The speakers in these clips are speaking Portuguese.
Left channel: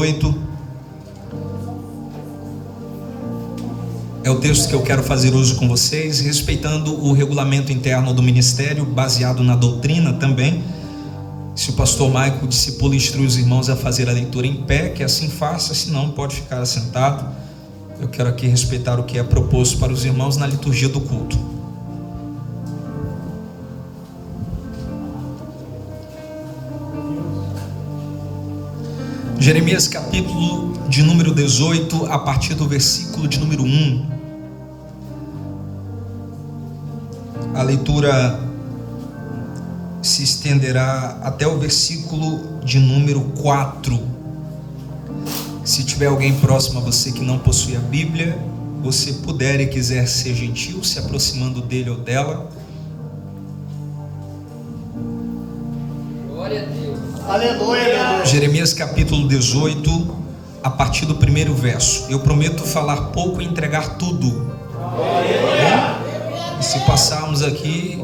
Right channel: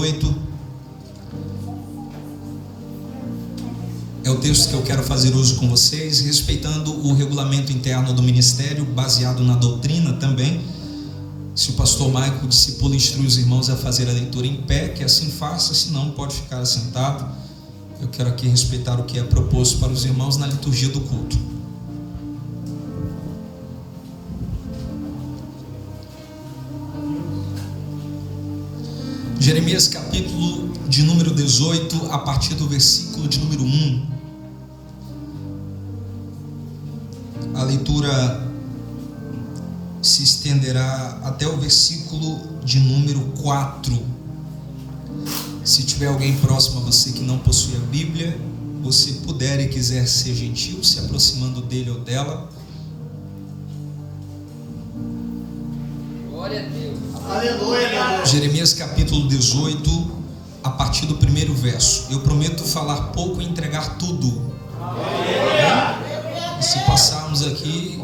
8 é o texto que eu quero fazer uso com vocês, respeitando o regulamento interno do ministério, baseado na doutrina também. Se o pastor Maico discipula, instrui os irmãos a fazer a leitura em pé, que assim faça, senão pode ficar sentado. Eu quero aqui respeitar o que é proposto para os irmãos na liturgia do culto. Jeremias capítulo de número 18, a partir do versículo de número 1. A leitura se estenderá até o versículo de número 4. Se tiver alguém próximo a você que não possui a Bíblia, você puder e quiser ser gentil, se aproximando dele ou dela. Glória a Deus. Aleluia. Jeremias capítulo 18, a partir do primeiro verso. Eu prometo falar pouco e entregar tudo. E se passarmos aqui,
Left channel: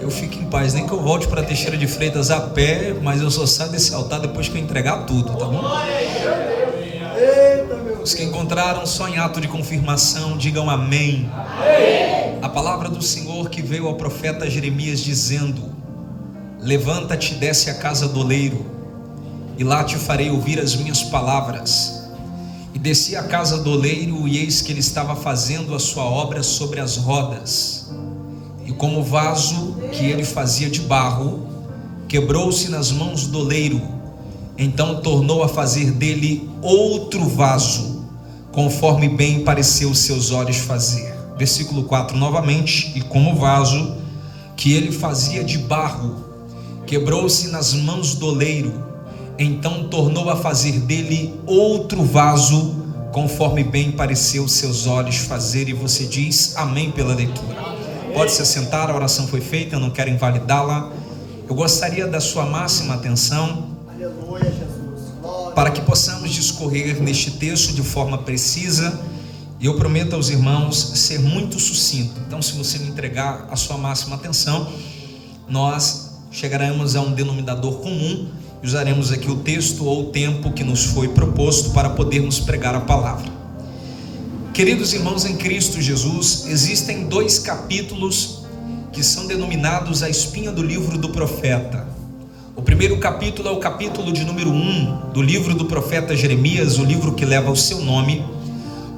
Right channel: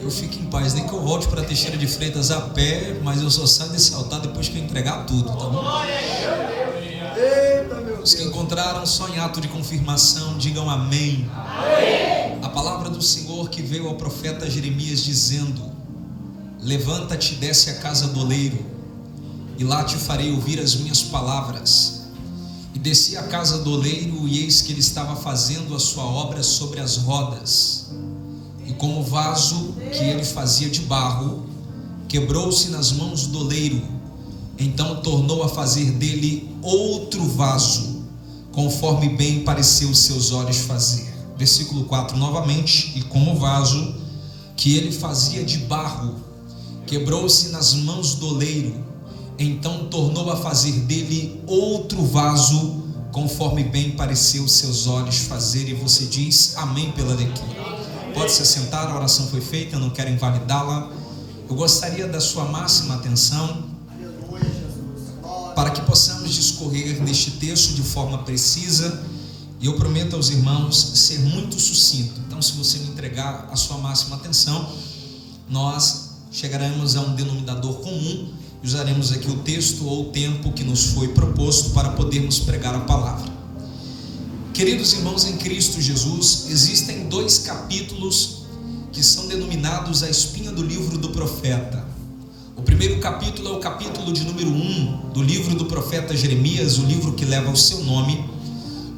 eu fico em paz. Nem que eu volte para Teixeira de Freitas a pé, mas eu só saio desse altar depois que eu entregar tudo, tá bom? Os que encontraram só em ato de confirmação, digam amém. A palavra do Senhor que veio ao profeta Jeremias dizendo: levanta-te, desce à casa do oleiro, e lá te farei ouvir as minhas palavras. E desci à casa do oleiro, e eis que ele estava fazendo a sua obra sobre as rodas. E como o vaso que ele fazia de barro quebrou-se nas mãos do oleiro, então tornou a fazer dele outro vaso, conforme bem pareceu seus olhos fazer. Versículo 4 novamente. E como o vaso que ele fazia de barro quebrou-se nas mãos do oleiro, então tornou a fazer dele outro vaso, conforme bem pareceu seus olhos fazer. E você diz amém pela leitura. Pode se assentar, a oração foi feita, eu não quero invalidá-la. Eu gostaria da sua máxima atenção, Aleluia, Jesus. Glória. para que possamos discorrer neste texto de forma precisa. E eu prometo aos irmãos ser muito sucinto. Então, se você me entregar a sua máxima atenção, nós chegaremos a um denominador comum e usaremos aqui o texto ou o tempo que nos foi proposto para podermos pregar a palavra. Queridos irmãos em Cristo Jesus, existem 2 capítulos que são denominados a espinha do livro do profeta. O primeiro capítulo é o capítulo de número 1 do livro do profeta Jeremias, o livro que leva o seu nome,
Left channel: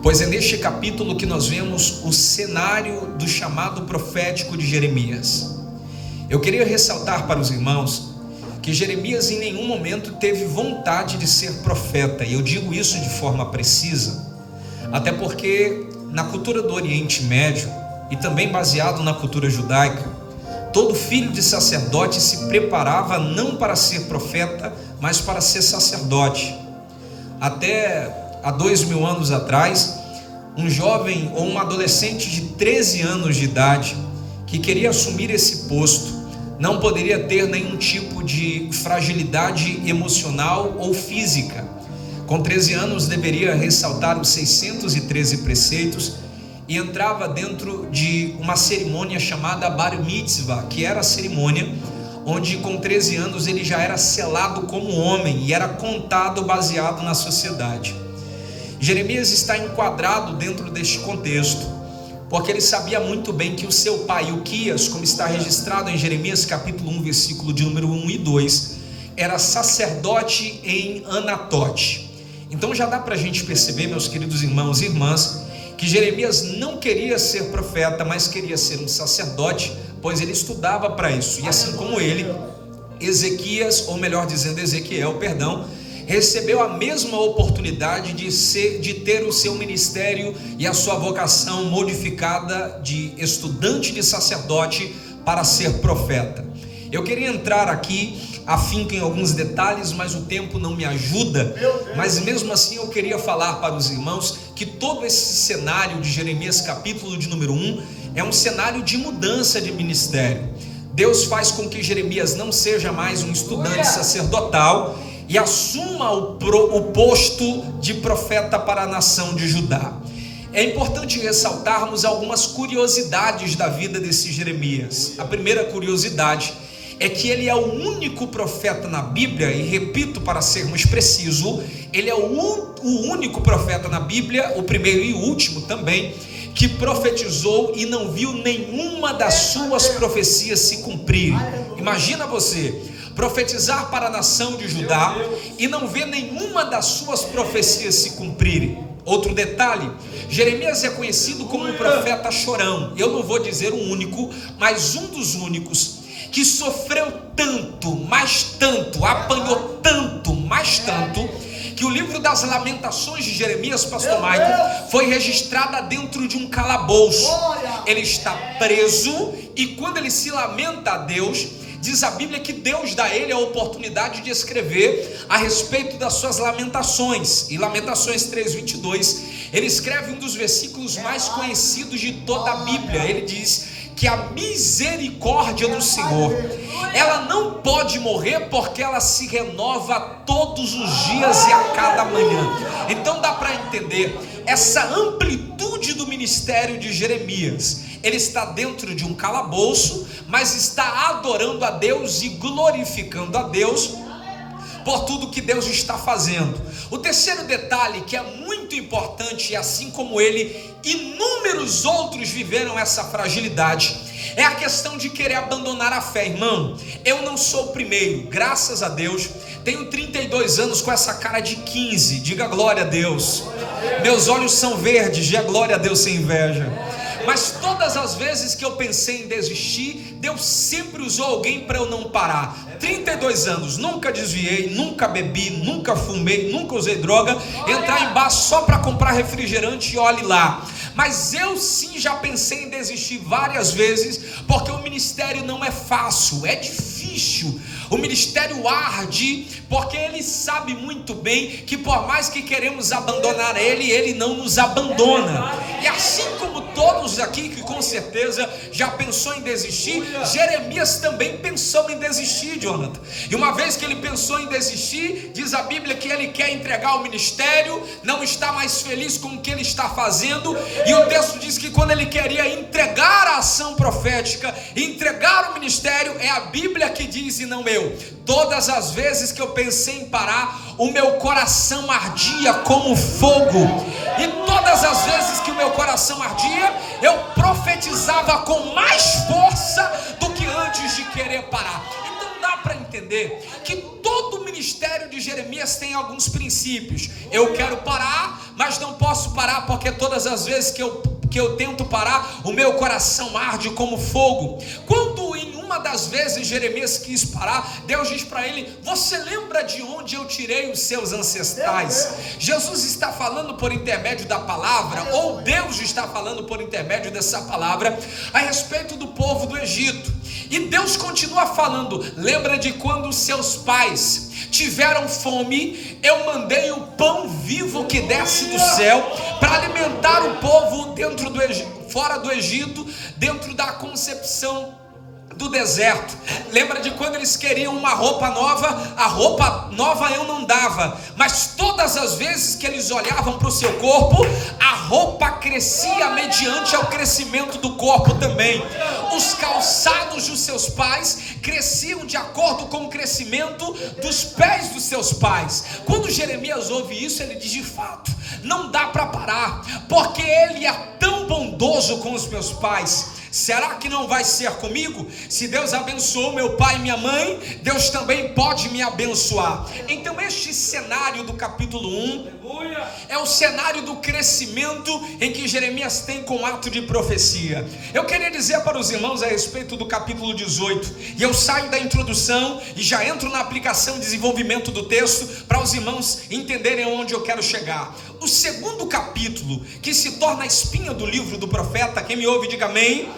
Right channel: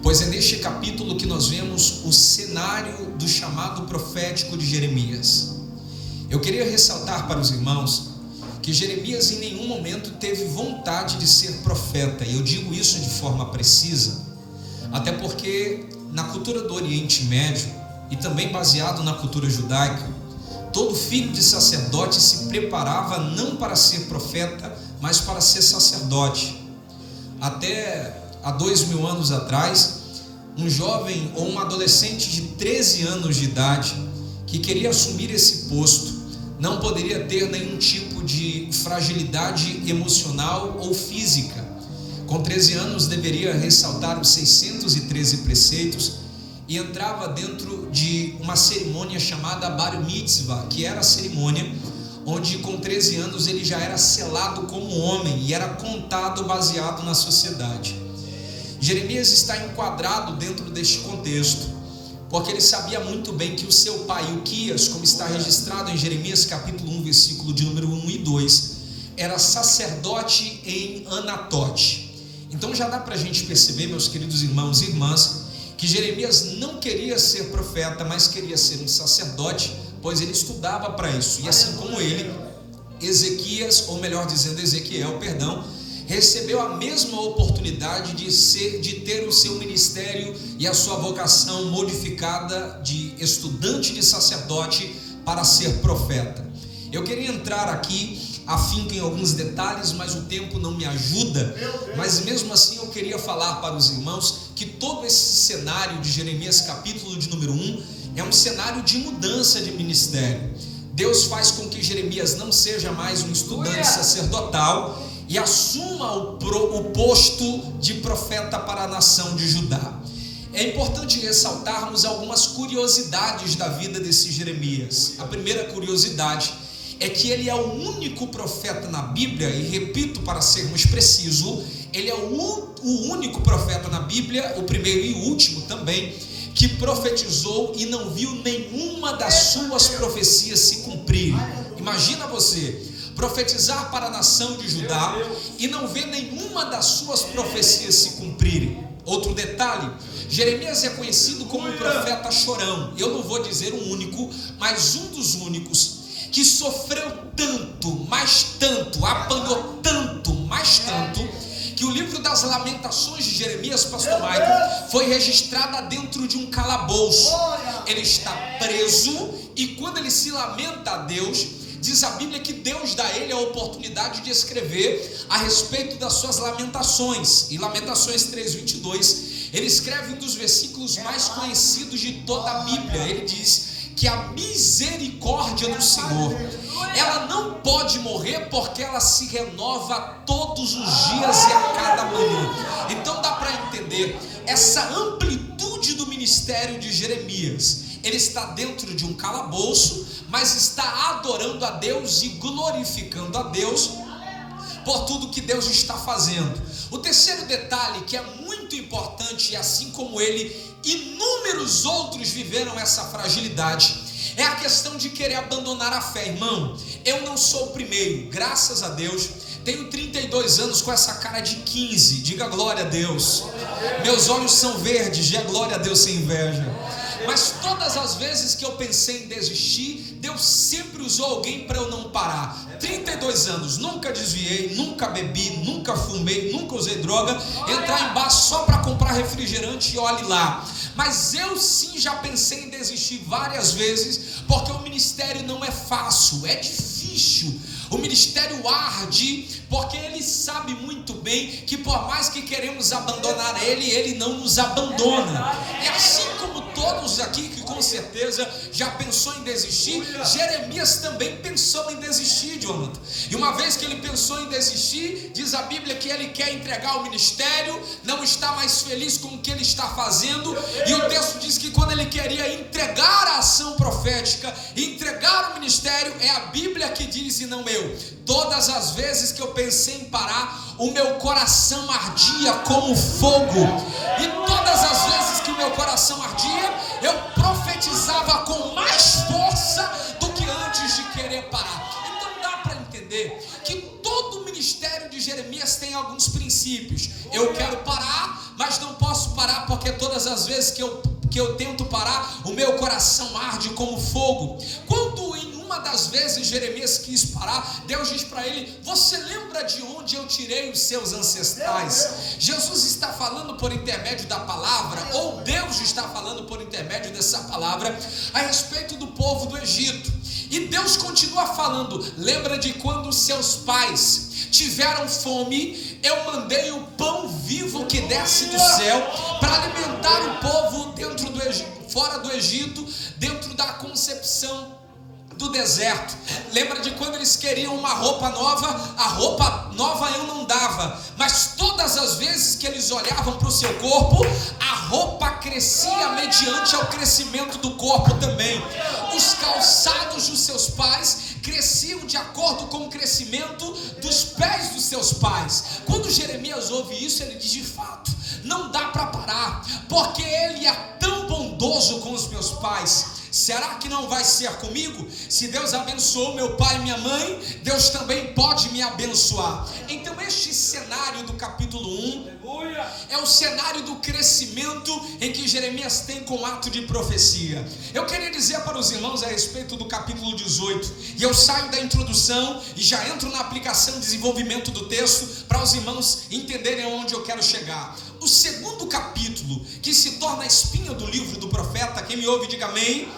pois é neste capítulo que nós vemos o cenário do chamado profético de Jeremias. Eu queria ressaltar para os irmãos que Jeremias em nenhum momento teve vontade de ser profeta, e eu digo isso de forma precisa, até porque na cultura do Oriente Médio, e também baseado na cultura judaica, todo filho de sacerdote se preparava não para ser profeta, mas para ser sacerdote. Até há 2000 anos atrás, um jovem ou um adolescente de 13 anos de idade que queria assumir esse posto não poderia ter nenhum tipo de fragilidade emocional ou física. Com 13 anos deveria ressaltar os 613 preceitos e entrava dentro de uma cerimônia chamada Bar Mitzvah, que era a cerimônia onde com 13 anos ele já era selado como homem e era contado baseado na sociedade. Jeremias está enquadrado dentro deste contexto, porque ele sabia muito bem que o seu pai, Ilquias, como está registrado em Jeremias capítulo 1, versículo de número 1 e 2, era sacerdote em Anatote. Então já dá para a gente perceber, meus queridos irmãos e irmãs, que Jeremias não queria ser profeta, mas queria ser um sacerdote, pois ele estudava para isso. E assim como ele, Ezequiel, recebeu a mesma oportunidade de ter o seu ministério e a sua vocação modificada de estudante de sacerdote para ser profeta. Eu queria entrar aqui afinco em alguns detalhes, mas o tempo não me ajuda. Mas mesmo assim eu queria falar para os irmãos que todo esse cenário de Jeremias capítulo de número 1 é um cenário de mudança de ministério. Deus faz com que Jeremias não seja mais um estudante sacerdotal e assuma o posto de profeta para a nação de Judá. É importante ressaltarmos algumas curiosidades da vida desse Jeremias. A primeira curiosidade é que ele é o único profeta na Bíblia, e repito para sermos precisos, ele é o único profeta na Bíblia, o primeiro e o último também, que profetizou e não viu nenhuma das suas profecias se cumprirem. Imagina você profetizar para a nação de Judá e não ver nenhuma das suas profecias se cumprirem. Outro detalhe, Jeremias é conhecido como um profeta chorão. Eu não vou dizer o único, mas um dos únicos que sofreu tanto, mais tanto, apanhou tanto, mais tanto, que o livro das Lamentações de Jeremias, pastor Michael, foi registrada dentro de um calabouço. Ele está preso e quando ele se lamenta a Deus, diz a Bíblia que Deus dá a ele a oportunidade de escrever a respeito das suas lamentações. E Lamentações 3:22, ele escreve um dos versículos mais conhecidos de toda a Bíblia. Ele diz que a misericórdia do Senhor, ela não pode morrer, porque ela se renova todos os dias e a cada manhã. Então dá para entender essa amplitude do ministério de Jeremias. Ele está dentro de um calabouço, mas está adorando a Deus e glorificando a Deus por tudo que Deus está fazendo. O terceiro detalhe, que é muito importante, e assim como ele, inúmeros outros viveram essa fragilidade, é a questão de querer abandonar a fé. Irmão, eu não sou o primeiro, graças a Deus, tenho 32 anos com essa cara de 15, diga glória a Deus. Meus olhos são verdes, diga glória a Deus sem inveja. Mas todas as vezes que eu pensei em desistir, Deus sempre usou alguém para eu não parar. 32 anos, nunca desviei, nunca bebi, nunca fumei, nunca usei droga, entrar em bar só para comprar refrigerante e olhe lá. Mas eu sim já pensei em desistir várias vezes, porque o ministério não é fácil, é difícil. O ministério arde, porque ele sabe muito bem que por mais que queremos abandonar ele, ele não nos abandona. E assim como todos aqui que com certeza já pensou em desistir, Jeremias também pensou em desistir, Jonathan. E uma vez que ele pensou em desistir, diz a Bíblia que ele quer entregar o ministério, não está mais feliz com o que ele está fazendo. E o texto diz que quando ele queria entregar a ação profética, entregar o ministério, é a Bíblia que diz e não eu. Todas as vezes que eu pensei em parar, o meu coração ardia como fogo. E todas as vezes que o meu coração ardia, eu profetizava com mais força do que antes de querer parar. Então dá para entender que todo o ministério de Jeremias tem alguns princípios. Eu quero parar, mas não posso parar, porque todas as vezes que eu tento parar, o meu coração arde como fogo. Quando em uma das vezes Jeremias quis parar, Deus diz para ele: você lembra de onde eu tirei os seus ancestrais? Jesus está falando por intermédio da palavra, ou Deus está falando por intermédio dessa palavra a respeito do povo do Egito. E Deus continua falando: lembra de quando seus pais tiveram fome, eu mandei o pão vivo que desce do céu para alimentar o povo dentro do Egito, fora do Egito, dentro da concepção do deserto. Lembra de quando eles queriam uma roupa nova? A roupa nova eu não dava, mas todas as vezes que eles olhavam para o seu corpo, a roupa crescia mediante ao crescimento do corpo também. Os calçados dos seus pais cresciam de acordo com o crescimento dos pés dos seus pais. Quando Jeremias ouve isso, ele diz: de fato, não dá para parar, porque ele é tão bondoso com os meus pais. Será que não vai ser comigo? Se Deus abençoou meu pai e minha mãe, Deus também pode me abençoar. Então este cenário do capítulo 1 é o cenário do crescimento em que Jeremias tem com ato de profecia. Eu queria dizer para os irmãos a respeito do capítulo 18, e eu saio da introdução e já entro na aplicação e desenvolvimento do texto, para os irmãos entenderem onde eu quero chegar. O segundo capítulo, que se torna a espinha do livro do profeta, quem me ouve diga amém,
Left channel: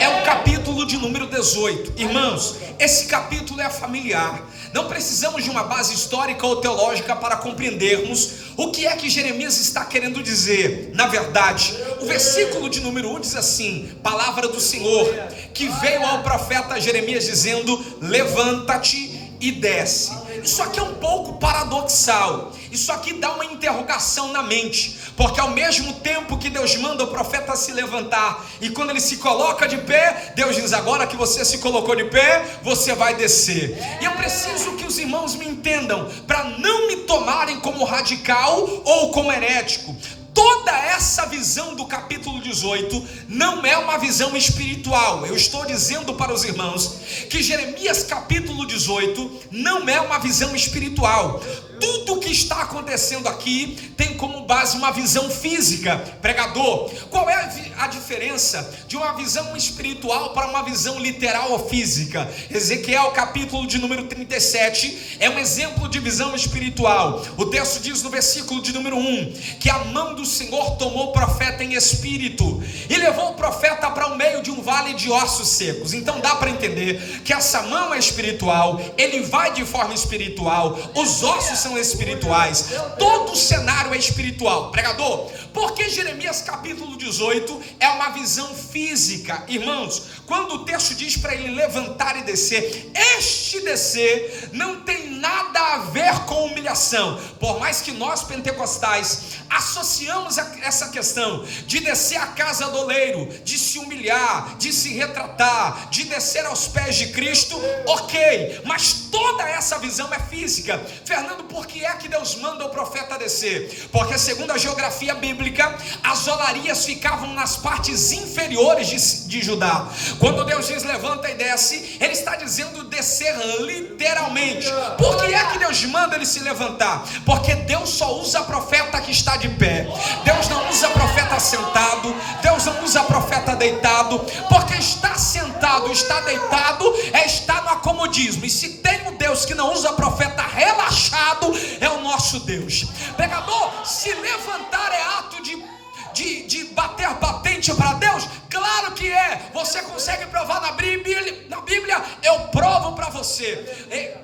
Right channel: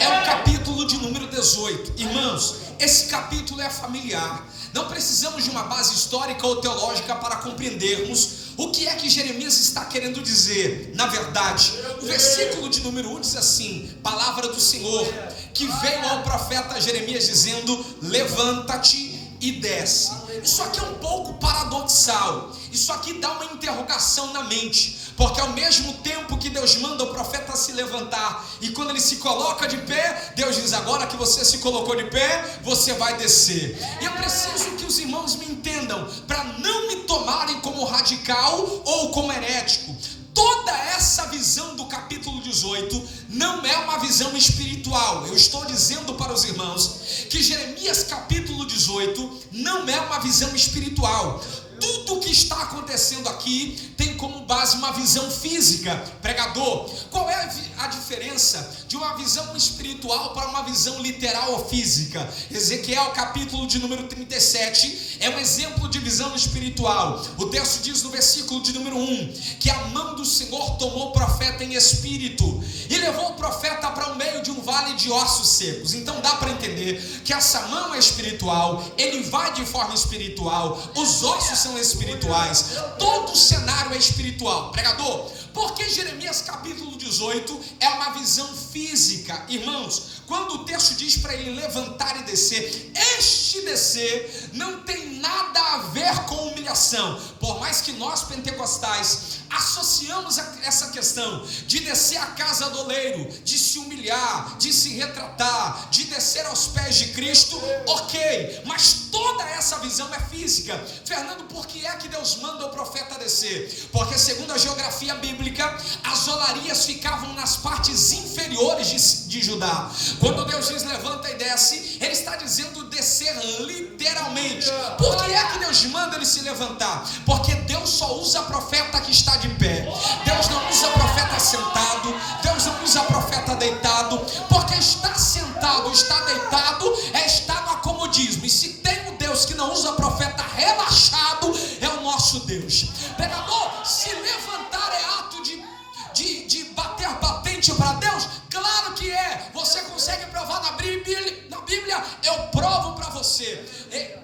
é o capítulo de número 18. Irmãos, esse capítulo é familiar. Não precisamos de uma base histórica ou teológica para compreendermos o que é que Jeremias está querendo dizer. Na verdade, o versículo de número 1 diz assim: palavra do Senhor que veio ao profeta Jeremias dizendo: levanta-te e desce. Isso aqui é um pouco paradoxal. Isso aqui dá uma interrogação na mente, porque ao mesmo tempo que Deus manda o profeta se levantar, e quando ele se coloca de pé, Deus diz: agora que você se colocou de pé, você vai descer. E eu preciso que os irmãos me entendam, para não me tomarem como radical ou como herético. Toda essa visão do capítulo 18 não é uma visão espiritual. Eu estou dizendo para os irmãos que Jeremias capítulo 18 não é uma visão espiritual. Tudo que está acontecendo aqui tem como base uma visão física. Pregador, qual é a diferença de uma visão espiritual para uma visão literal ou física? Ezequiel capítulo de número 37 é um exemplo de visão espiritual. O texto diz no versículo de número 1 que a mão do Senhor tomou o profeta em espírito e levou o profeta para o meio de um vale de ossos secos. Então dá para entender que essa mão é espiritual, ele vai de forma espiritual, os ossos são espirituais, todo o cenário é espiritual. Pregador, por que Jeremias capítulo 18 é uma visão física? Irmãos, quando o texto diz para ele levantar e descer, este descer não tem nada a ver com humilhação. Por mais que nós pentecostais associamos essa questão de descer à casa do oleiro, de se humilhar, de se retratar, de descer aos pés de Cristo, ok, mas toda essa visão é física. Fernando, por que é que Deus manda o profeta descer? Porque segundo a geografia bíblica, as olarias ficavam nas partes inferiores de Judá. Quando Deus diz levanta e desce, ele está dizendo descer literalmente. Por que é que Deus manda ele se levantar? Porque Deus só usa profeta que está de pé. Deus não usa profeta sentado, Deus não usa profeta deitado, porque estar sentado, estar deitado é estar no acomodismo. E se tem um Deus que não usa profeta relaxado, é o nosso Deus. Pregador, se levantar é ato de bater patente para Deus? Claro que é. Você consegue provar na Bíblia? Eu provo para você.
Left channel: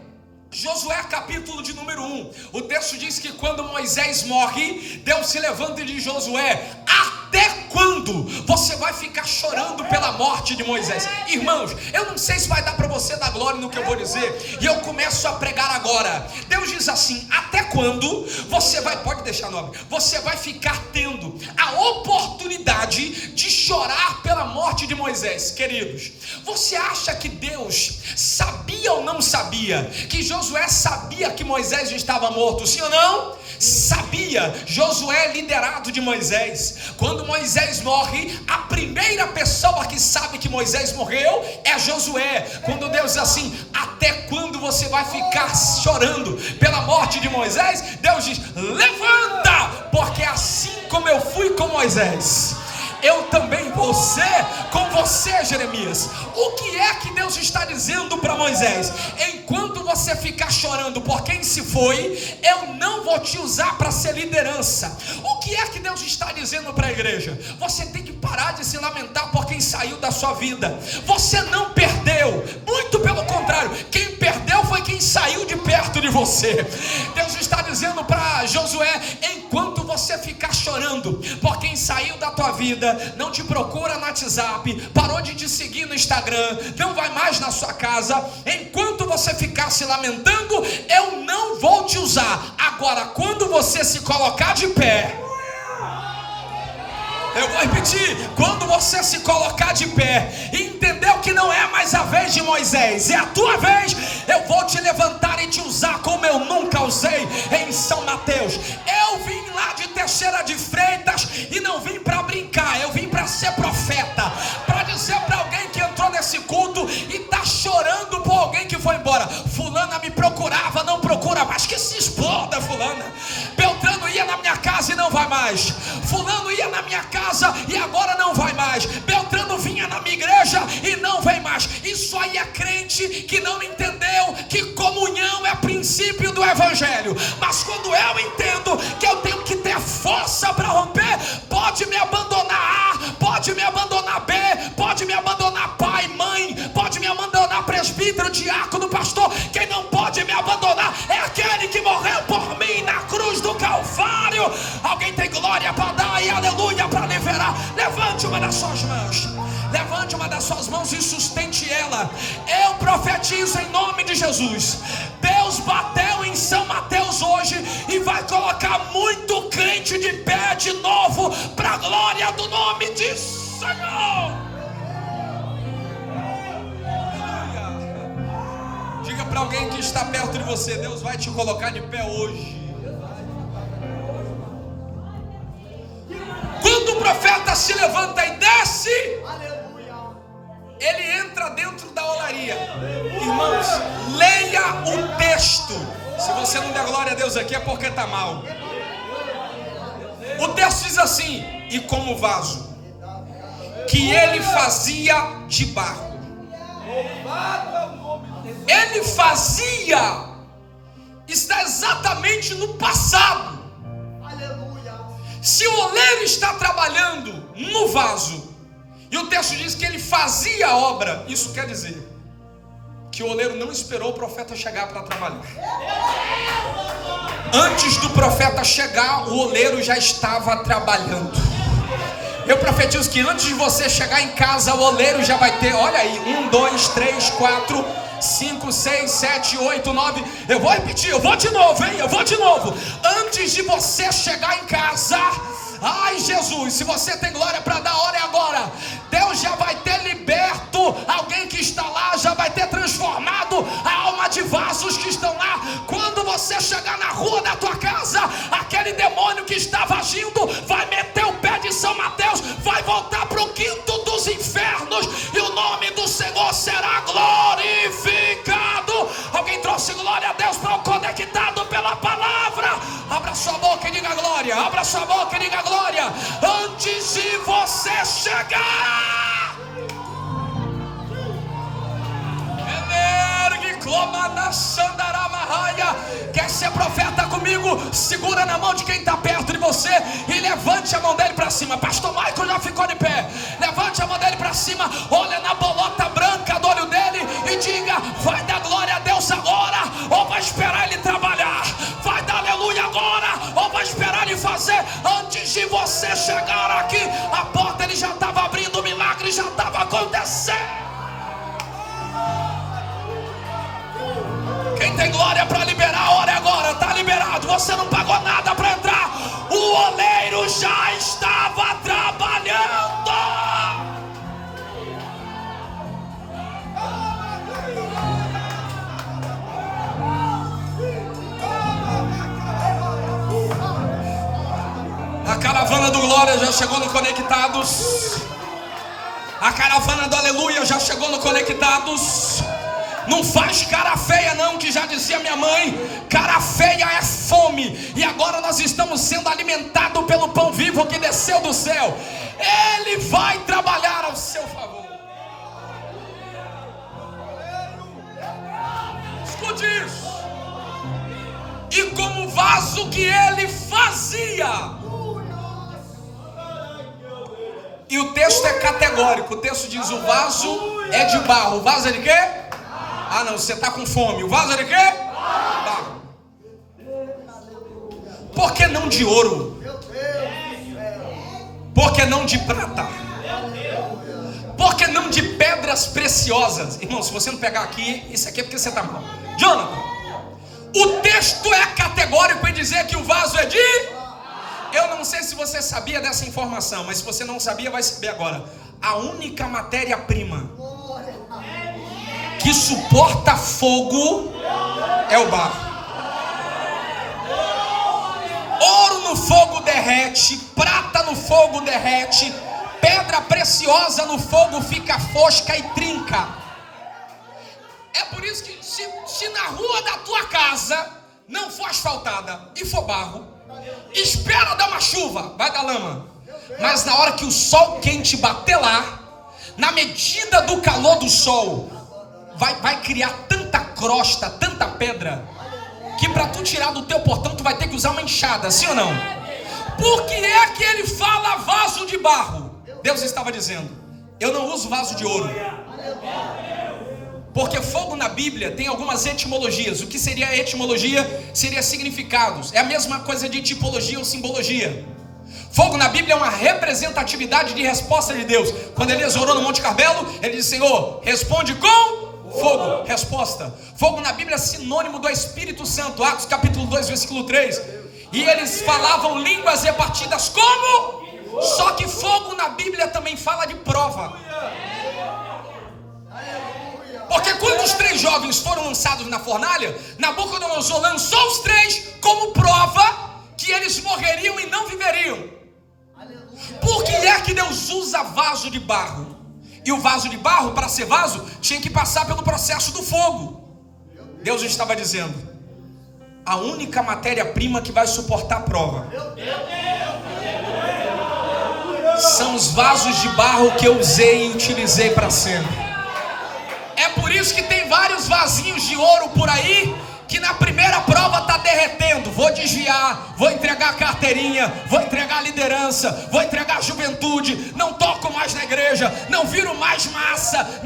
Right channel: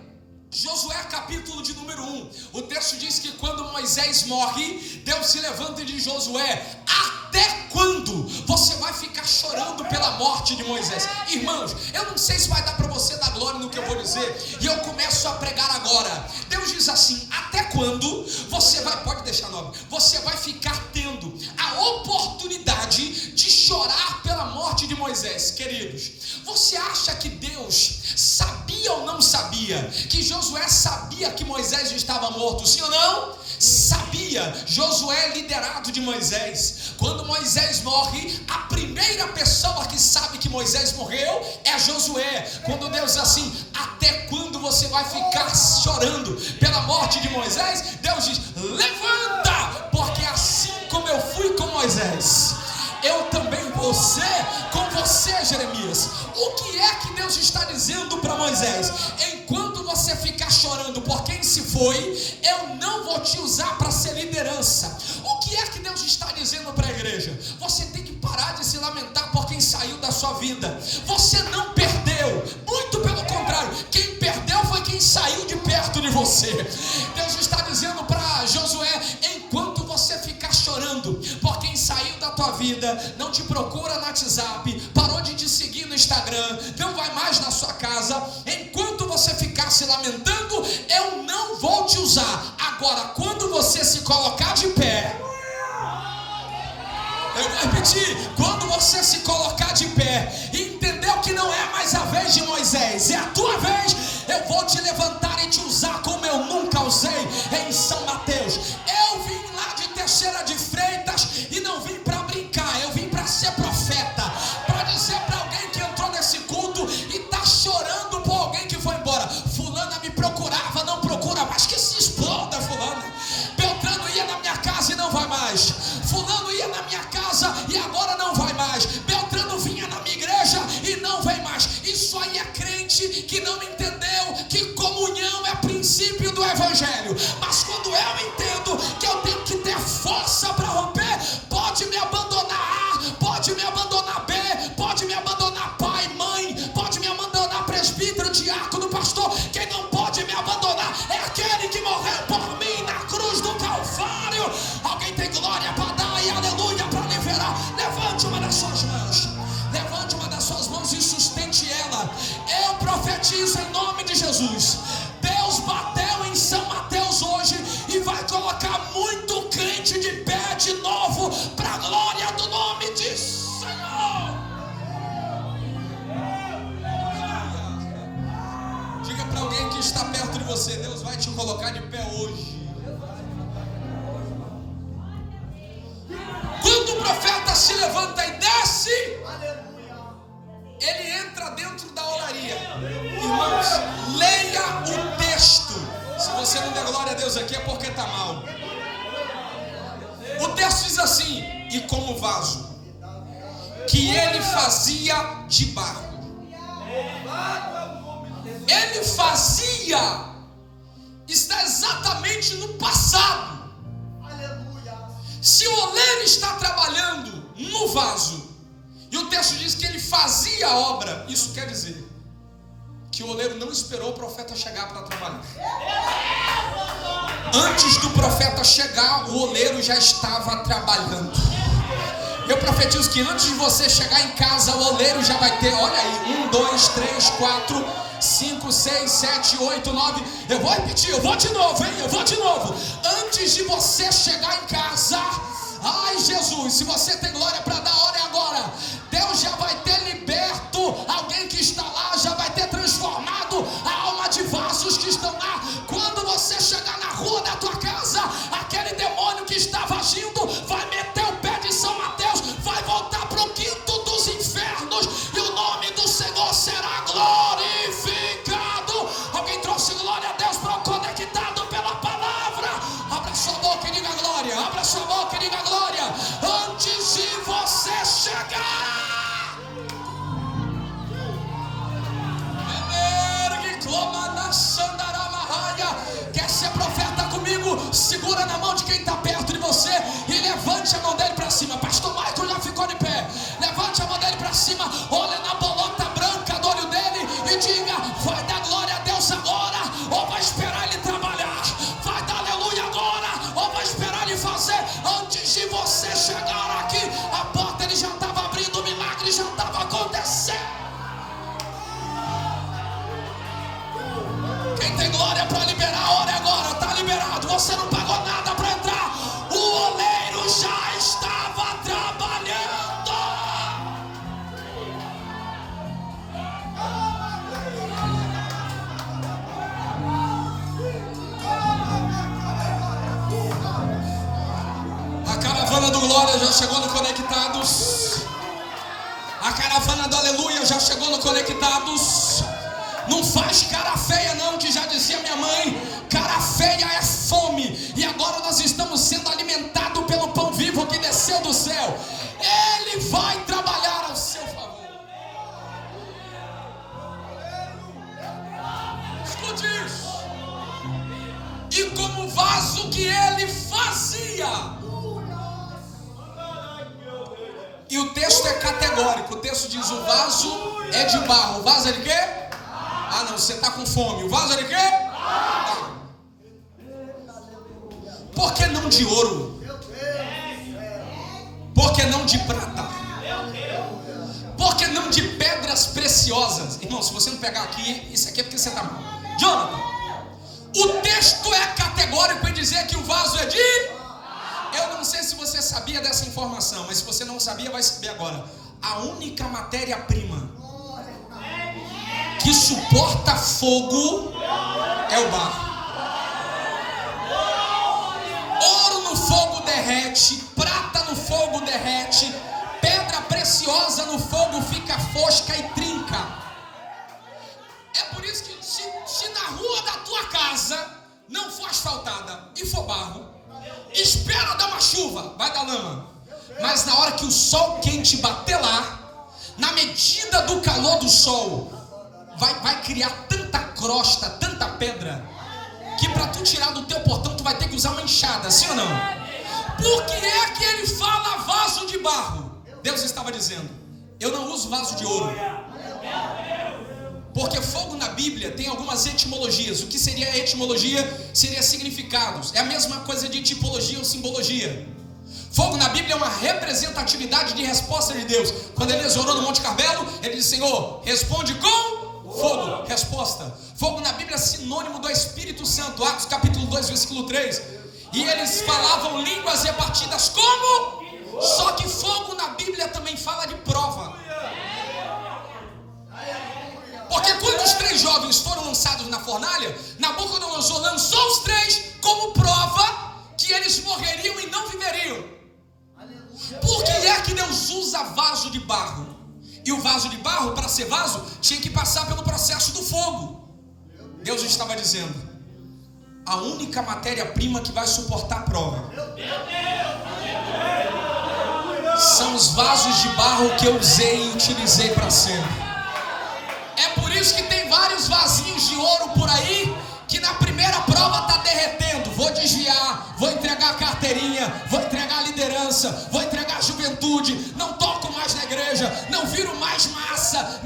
Josué capítulo de número 1, o texto diz que quando Moisés morre, Deus se levanta e diz: Josué, até quando você vai ficar chorando pela morte de Moisés? Irmãos, eu não sei se vai dar para você dar glória no que eu vou dizer, e eu começo a pregar agora. Deus diz assim: até quando você vai, pode deixar no nome, você vai ficar tendo a oportunidade de chorar pela morte de Moisés? Queridos, você acha que Deus sabia ou não sabia que Josué sabia que Moisés já estava morto? Sim ou não? Sabia. Josué é liderado de Moisés. Quando Moisés morre, a primeira pessoa que sabe que Moisés morreu é Josué. Quando Deus diz assim: até quando você vai ficar chorando pela morte de Moisés? Deus diz: levanta, porque assim como eu fui com Moisés, eu também vou ser com você, Jeremias. O que é que Deus está dizendo para Moisés? Enquanto você ficar chorando por quem se foi, eu não vou te usar para ser liderança. O que é que Deus está dizendo para a igreja? Você tem que parar de se lamentar por quem saiu da sua vida. Você não perdeu, muito pelo contrário, quem perdeu foi quem saiu de perto de você. Deus está dizendo para Josué: enquanto você ficar chorando por quem saiu da tua vida, não te procura no WhatsApp, parou de te seguir no Instagram, não vai mais na sua casa, enquanto você ficar se lamentando, eu não vou te usar. Agora, quando você se colocar de pé, eu vou repetir, quando você se colocar de pé e entendeu que não é mais a vez de Moisés, é a tua vez, eu vou te levantar e te usar como eu nunca usei em São Mateus. Eu vim lá de Teixeira de Freitas e não vim para brincar, eu vim para ser profeta, para dizer para alguém que entrou nesse culto e está chorando por alguém que foi embora: fulana me procurava, não procura mais, que se exploda fulana. Beltrano ia na minha casa e não vai mais. Fulano ia na minha casa e agora não vai mais. Beltrano vinha na minha igreja e não vem mais. Isso aí é crente que não entendeu que comunhão é princípio do evangelho. Mas quando eu entendo que eu tenho que ter força para romper, pode me abandonar A, pode me abandonar B, pode me abandonar pai, mãe, pode me abandonar presbítero, diácono, pastor. Quem não pode me abandonar é aquele que morreu por mim na cruz do Calvário. Alguém tem glória para dar e aleluia para liberar? Levante uma das suas mãos, levante uma das suas mãos e sustente ela. Eu profetizo em nome de Jesus: Deus bateu gente de pé de novo, para a glória do nome de Senhor. Diga para alguém que está perto de você: Deus vai te colocar de pé hoje. Quando o profeta se levanta e desce, ele entra dentro da olaria. Irmãos, leia o texto. Se você não der glória a Deus aqui é porque está mal. O texto diz assim: e como vaso que ele fazia de barro. Ele fazia está exatamente no passado. Se o oleiro está trabalhando no vaso e o texto diz que ele fazia a obra, isso quer dizer que o oleiro não esperou o profeta chegar para trabalhar. Antes do profeta chegar, o oleiro já estava trabalhando. Eu profetizo que antes de você chegar em casa, o oleiro já vai ter, olha aí, 1, 2, 3, 4, 5, 6, 7, 8, 9. Eu vou repetir, eu vou de novo, hein? Eu vou de novo. Antes de você chegar em casa, ai Jesus, se você tem glória para dar, hora é agora. Deus já vai ter liberto alguém que está lá, já vai ter transformado a alma de vasos que estão lá. Quando você chegar na rua da tua casa, aquele demônio que estava agindo vai meter o pé de São Mateus, vai voltar para o quinto dos infernos e o nome do Senhor será glorificado. Alguém trouxe glória a Deus para o conectado pela palavra? Abra sua boca e diga glória. Abra sua boca e diga glória. Antes de você chegar, quer ser profeta comigo? Segura na mão de quem está perto de você e levante a mão dele para cima. Pastor Michael já ficou de pé. Levante a mão dele para cima, olha na bolota branca do olho dele e diga: vai dar glória a Deus agora, ou vai esperar ele trabalhar? Vai dar aleluia agora, ou vai esperar ele fazer? Antes de você chegar aqui, a porta ele já estava abrindo, o milagre já estava acontecendo. Quem tem glória para liberar, a hora é agora, está liberado. Você não pagou nada para entrar. O oleiro já estava trabalhando. A caravana do glória já chegou no Conectados. A caravana do aleluia já chegou no Conectados. Não faz cara feia não, que já dizia minha mãe, cara feia é fome. E agora nós estamos sendo alimentados pelo pão vivo que desceu do céu. Ele vai trabalhar ao seu favor. Escute isso. E como vaso que ele fazia. E o texto é categórico. O texto diz: o vaso é de barro. O vaso é de quê? Ah não, você está com fome. O vaso é de quê? Barro. Por que não de ouro? Por que não de prata? Por que não de pedras preciosas? Irmão, se você não pegar aqui, isso aqui é porque você está mal. Jonathan, o texto é categórico em dizer que o vaso é de... Eu não sei se você sabia dessa informação, mas se você não sabia, vai saber agora. A única matéria-prima que suporta fogo é o barro. Ouro no fogo derrete, prata no fogo derrete, pedra preciosa no fogo fica fosca e trinca. É por isso que se na rua da tua casa não for asfaltada e for barro, espera dar uma chuva, vai dar lama. Mas na hora que o sol quente bater lá, na medida do calor do sol, vai criar tanta crosta, tanta pedra, que para tu tirar do teu portão tu vai ter que usar uma enxada, sim ou não? Por que é que ele fala vaso de barro? Deus estava dizendo: eu não uso vaso de ouro. Porque fogo na Bíblia tem algumas etimologias. O que seria etimologia? Seria significados. É a mesma coisa de tipologia ou simbologia. Fogo na Bíblia é uma representatividade de resposta de Deus. Quando Elias orou no Monte Carmelo, ele disse: Senhor, responde com fogo. Resposta. Fogo na Bíblia é sinônimo do Espírito Santo. Atos capítulo 2, versículo 3. E eles falavam línguas repartidas como? Só que fogo na Bíblia também fala de prova. Porque quando os 3 jovens foram lançados na fornalha, Nabucodonosor lançou os 3 como prova que eles morreriam e não viveriam. Por que é que Deus usa vaso de barro? E o vaso de barro, para ser vaso, tinha que passar pelo processo do fogo. Deus estava dizendo: a única matéria-prima que vai suportar a prova são os vasos de barro que eu usei e utilizei para sempre. É por isso que tem vários vasinhos de ouro por aí que na primeira prova está derretendo. Vou desviar, vou entregar a carteirinha, vou entregar a liderança, vou entregar a juventude, não toco mais na igreja, não viro mais massa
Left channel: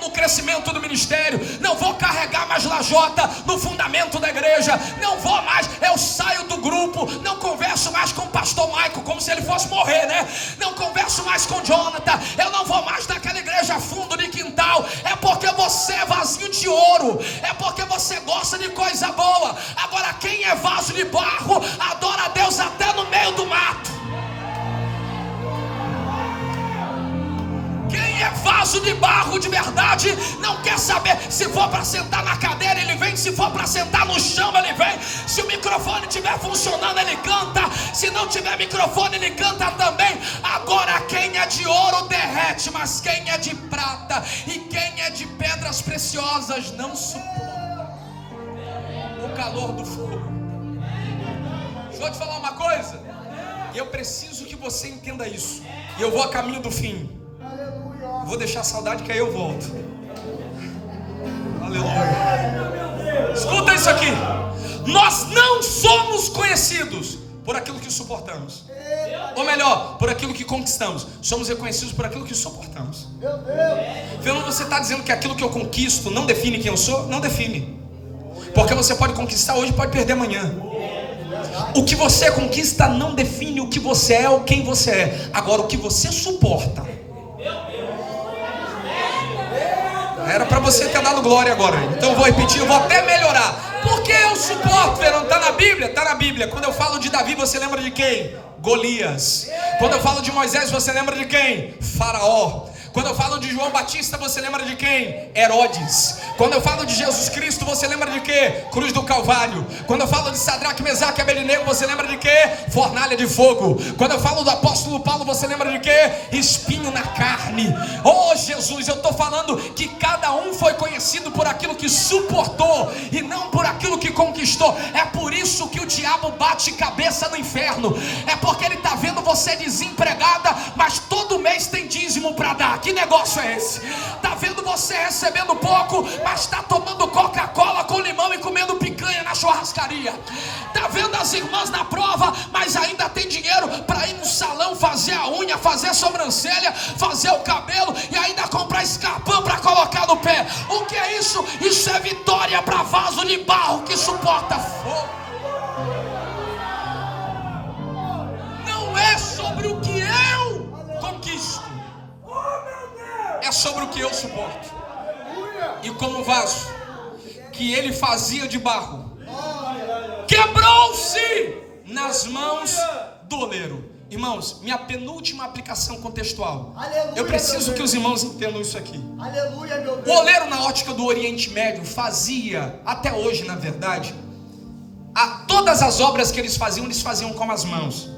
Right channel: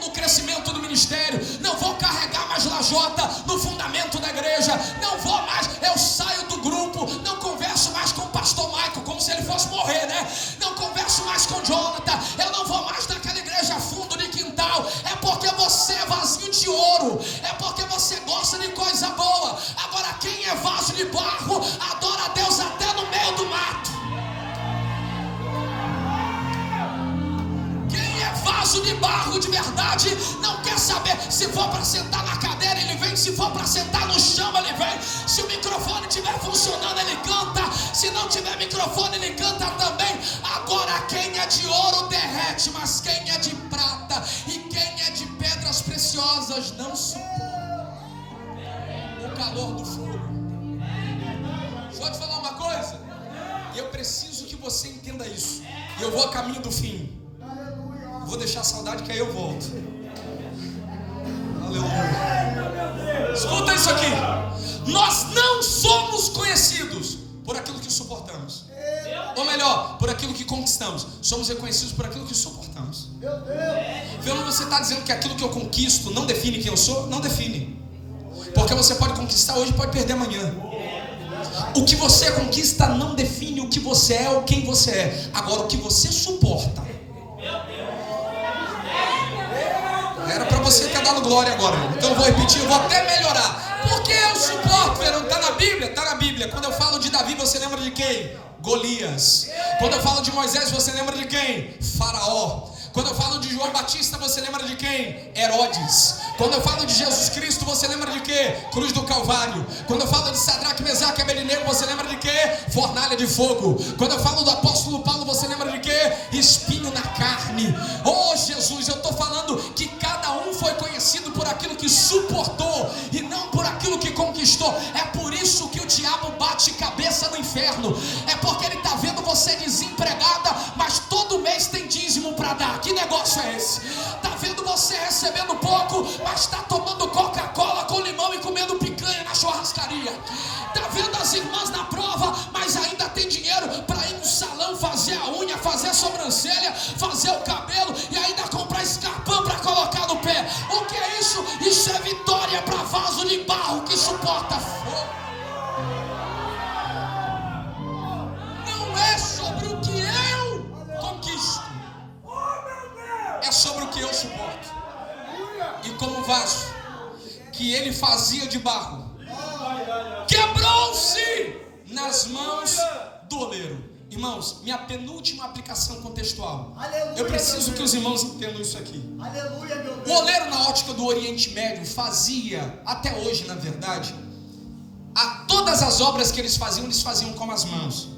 no crescimento do ministério, não vou carregar mais lajota no fundamento da igreja, não vou mais, eu saio do grupo, não converso mais com o pastor Michael, como se ele fosse morrer, né? Não converso mais com Jonathan, eu não vou mais naquela igreja fundo de quintal. É porque você é vasinho de ouro, é porque você gosta de coisa boa. Agora quem é vaso de barro adora a Deus até no meio do mato. Quem é vaso de barro de verdade não quer saber. Se for para sentar na cadeira, ele vem. Se for para sentar no chão, ele vem. Se o microfone estiver funcionando, ele canta. Se não tiver microfone, ele canta também. Agora quem é de ouro derrete, mas quem é de prata e quem é de pedras preciosas não suporta o calor do fogo. Deixa eu te falar uma coisa. Eu preciso que você entenda isso. E eu vou a caminho do fim. Vou deixar a saudade que aí eu volto. Aleluia. Escuta isso aqui. Nós não somos conhecidos por aquilo que suportamos. Ou melhor, por aquilo que conquistamos. Somos reconhecidos por aquilo que suportamos. Então você está dizendo que aquilo que eu conquisto não define quem eu sou? Não define. Porque você pode conquistar hoje e pode perder amanhã. O que você conquista não define o que você é ou quem você é. Agora o que você suporta. Era para você ter dado glória agora. Então eu vou repetir, eu vou até melhorar. Porque eu suporto, Verão, está na Bíblia? Está na Bíblia. Quando eu falo de Davi, você lembra de quem? Golias. Quando eu falo de Moisés, você lembra de quem? Faraó. Quando eu falo de João Batista, você lembra de quem? Herodes. Quando eu falo de Jesus Cristo, você lembra de quê? Cruz do Calvário. Quando eu falo de Sadraque, Mesaque e Abednego, você lembra de quê? Fornalha de fogo. Quando eu falo do apóstolo Paulo, você lembra de quê? Espinho na carne. Oh Jesus, eu estou falando que cada um foi conhecido por aquilo que suportou e não por aquilo que conquistou. É por isso que o diabo bate cabeça no inferno. É porque ele está vendo você desempregada, mas todo mês tem dízimo para dar. Que negócio é esse? Está vendo você recebendo pouco, mas está tomando Coca-Cola com limão e comendo picanha na churrascaria. Está vendo as irmãs na prova, mas ainda tem dinheiro para ir no salão fazer a unha, fazer a sobrancelha, fazer o cabelo e ainda comprar escarpão para colocar no pé. O que é isso? Isso é vitória para vaso de barro que suporta fogo. Não é sobre o que eu conquisto, é sobre o que eu suporto. E como vaso que ele fazia de barro quebrou-se nas mãos do oleiro. Irmãos, minha penúltima aplicação contextual. Aleluia, eu preciso que os irmãos entendam isso aqui. Aleluia, meu Deus. O oleiro na ótica do Oriente Médio fazia, até hoje na verdade, todas as obras que eles faziam com as mãos.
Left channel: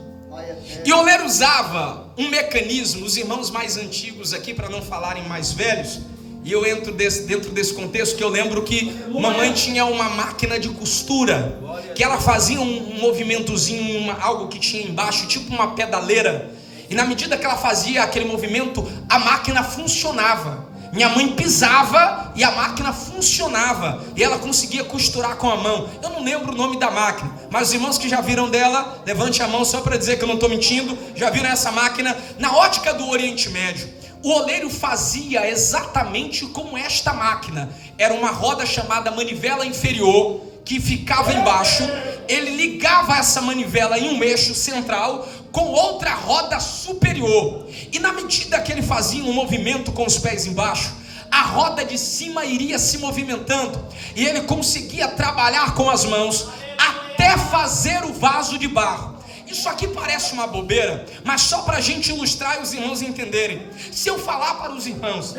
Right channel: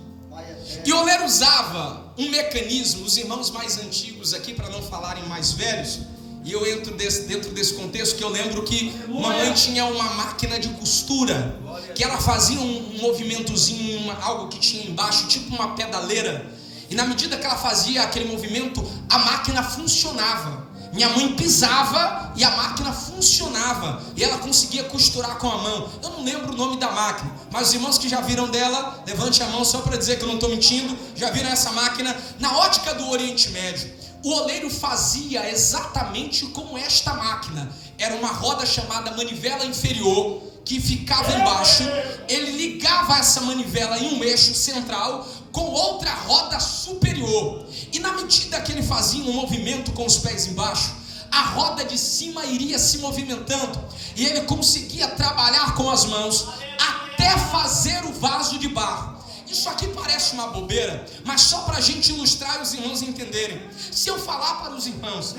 E o oleiro usava um mecanismo, os irmãos mais antigos aqui, para não falarem mais velhos, e eu entro dentro desse contexto, que eu lembro que mamãe tinha uma máquina de costura, que ela fazia um movimentozinho, algo que tinha embaixo, tipo uma pedaleira, e na medida que ela fazia aquele movimento, a máquina funcionava. Minha mãe pisava e a máquina funcionava, e ela conseguia costurar com a mão. Eu não lembro o nome da máquina, mas os irmãos que já viram dela, levante a mão só para dizer que eu não estou mentindo. Já viram essa máquina? Na ótica do Oriente Médio, o oleiro fazia exatamente como esta máquina. Era uma roda chamada manivela inferior, que ficava embaixo. Ele ligava essa manivela em um eixo central com outra roda superior, e na medida que ele fazia um movimento com os pés embaixo, a roda de cima iria se movimentando, e ele conseguia trabalhar com as mãos até até fazer o vaso de barro. Isso aqui parece uma bobeira, mas só para a gente ilustrar e os irmãos entenderem. Se eu falar para os irmãos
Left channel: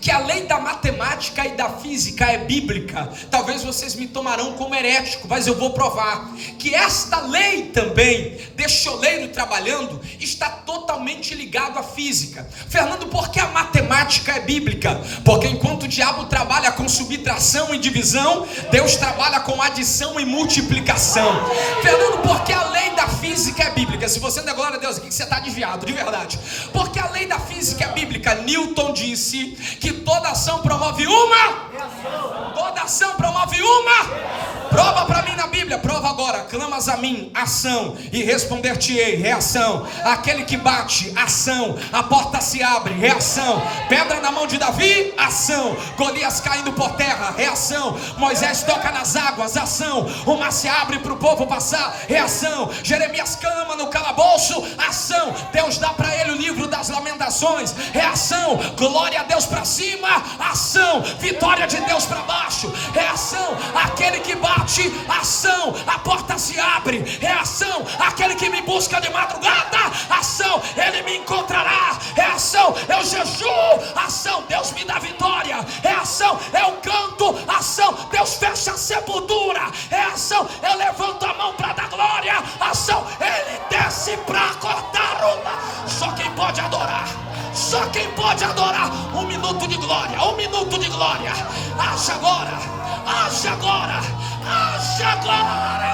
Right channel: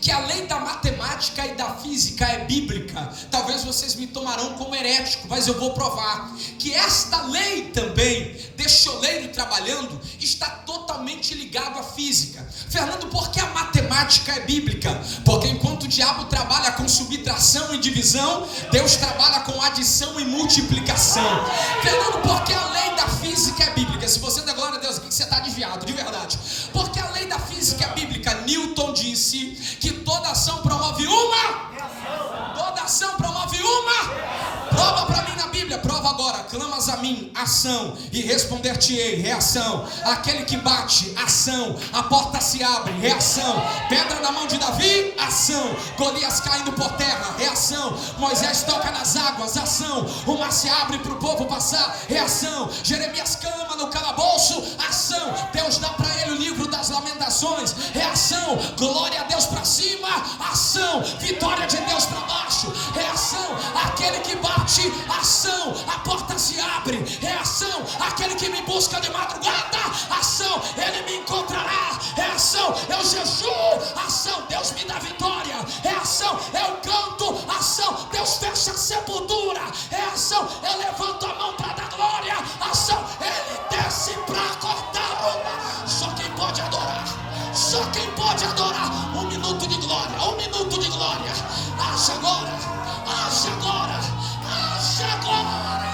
que a lei da matemática e da física é bíblica, talvez vocês me tomarão como herético, mas eu vou provar que esta lei também, deste oleiro trabalhando, está totalmente ligado à física. Fernando, por que a matemática é bíblica? Porque enquanto o diabo trabalha com subtração e divisão, Deus trabalha com adição e multiplicação. Fernando, por que a lei da física é bíblica? Se você não é glória a Deus aqui, que você está desviado, de verdade. Porque a lei da física é bíblica. Newton disse que toda ação promove uma. Toda ação promove uma. Prova para mim na Bíblia, prova agora. Clamas a mim, ação, e responder-te-ei, reação. Aquele que bate, ação. A porta se abre, reação. Pedra na mão de Davi, ação. Golias caindo por terra, reação. Moisés toca nas águas, ação. O mar se abre para o povo passar, reação. Jeremias clama no calabouço, ação. Deus dá para ele o livro das lamentações, reação. Glória a Deus para cima, ação. Vitória de Deus para baixo, reação. Aquele que bate, ação. A porta se abre, reação. Aquele que me busca de madrugada, ação. Ele me encontrará, reação. Eu jejuo, ação. Deus me dá vitória, reação. Eu canto, ação. Deus fecha a sepultura, reação. Eu levanto a mão para dar glória, ação. Ele desce para cortar uma. Só quem pode adorar, só quem pode adorar. Um minuto de glória, um minuto de glória. Haja agora, haja agora, haja agora.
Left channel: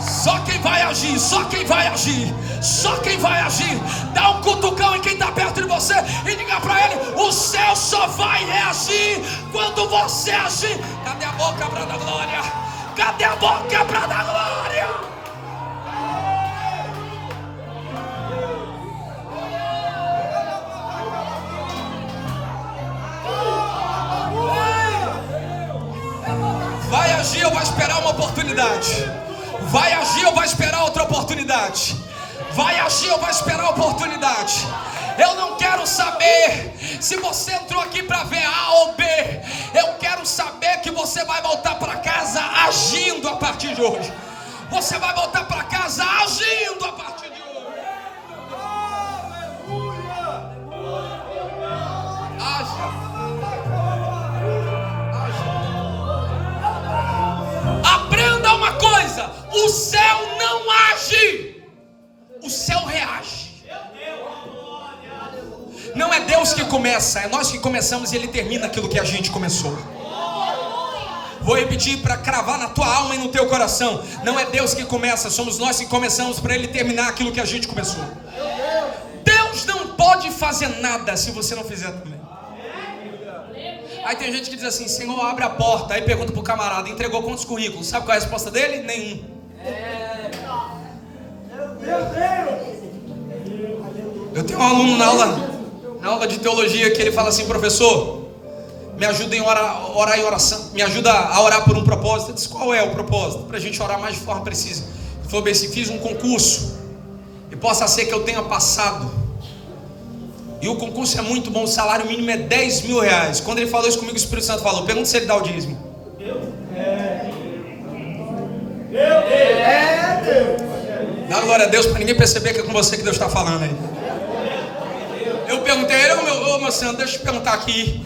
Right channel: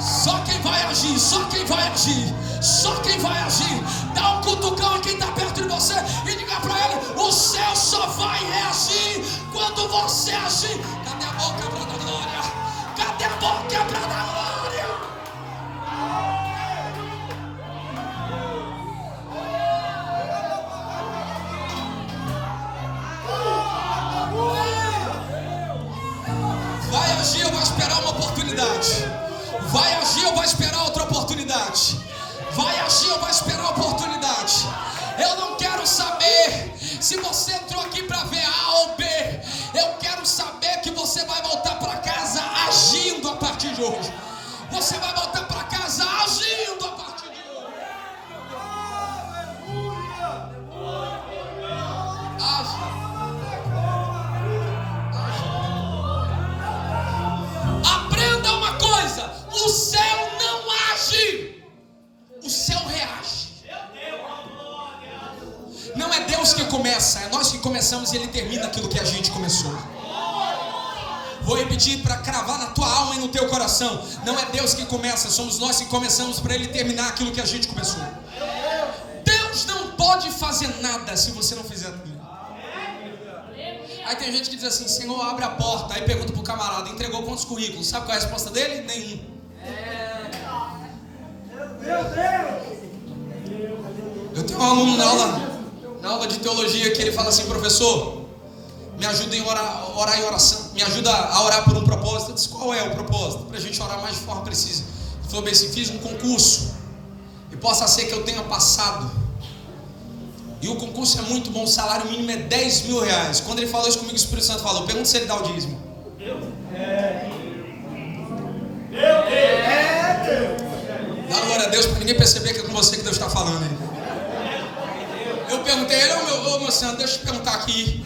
Só quem vai agir, só quem vai agir, só quem vai agir. Dá um cutucão em quem está perto de você e diga para ele: o céu só vai reagir quando você agir. Cadê a boca para dar glória? Cadê a boca para dar glória? Vai agir ou vai esperar uma oportunidade? Vai agir ou vai esperar outra oportunidade? Vai agir ou vai esperar oportunidade? Eu não quero saber se você entrou aqui para ver A ou B. Eu quero saber que você vai voltar para casa agindo a partir de hoje. Você vai voltar para casa agindo a partir de hoje. Aprenda uma coisa: o céu não age, o céu reage. Não é Deus que começa, é nós que começamos e Ele termina aquilo que a gente começou. Vou repetir para cravar na tua alma e no teu coração: não é Deus que começa, somos nós que começamos para Ele terminar aquilo que a gente começou. Deus não pode fazer nada se você não fizer também. Aí tem gente que diz assim: Senhor, abre a porta. Aí pergunta para o camarada: entregou quantos currículos? Sabe qual é a resposta dele? Nenhum. Eu tenho um aluno na aula de teologia que ele fala assim: professor, me ajuda em orar em oração, me ajuda a orar por um propósito. Eu disse: qual é o propósito? Para a gente orar mais de forma precisa. Ele falou bem assim: fiz um concurso e possa ser que eu tenha passado. E o concurso é muito bom, o salário mínimo é 10 mil reais. Quando ele falou isso comigo, o Espírito Santo falou: pergunta se ele dá o dízimo. Dá glória a Deus para ninguém perceber que é com você que Deus está falando aí. Eu perguntei a ele: ô meu senhor, deixa eu te perguntar aqui,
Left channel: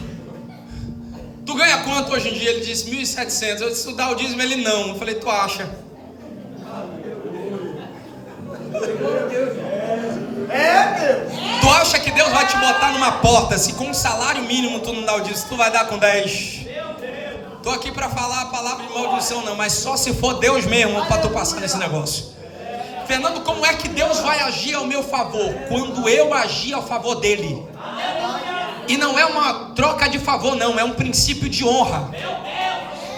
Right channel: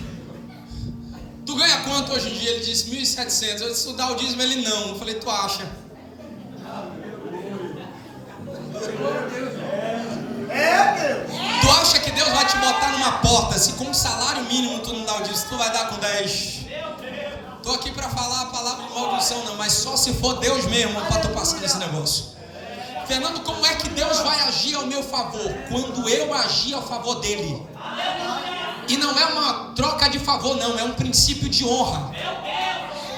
tu ganha quanto hoje em dia? Ele disse 1.700. Eu disse: tu dá o dízimo? Ele: não. Eu falei: tu acha? Tu acha que Deus vai te botar numa porta se com um salário mínimo tu não dá o dízimo? Tu vai dar com 10? Tô aqui para falar a palavra de maldição não, mas só se for Deus mesmo para tu passar nesse negócio. Fernando, como é que Deus vai agir ao meu favor? Quando eu agir a favor dele. E não é uma troca de favor não, é um princípio de honra.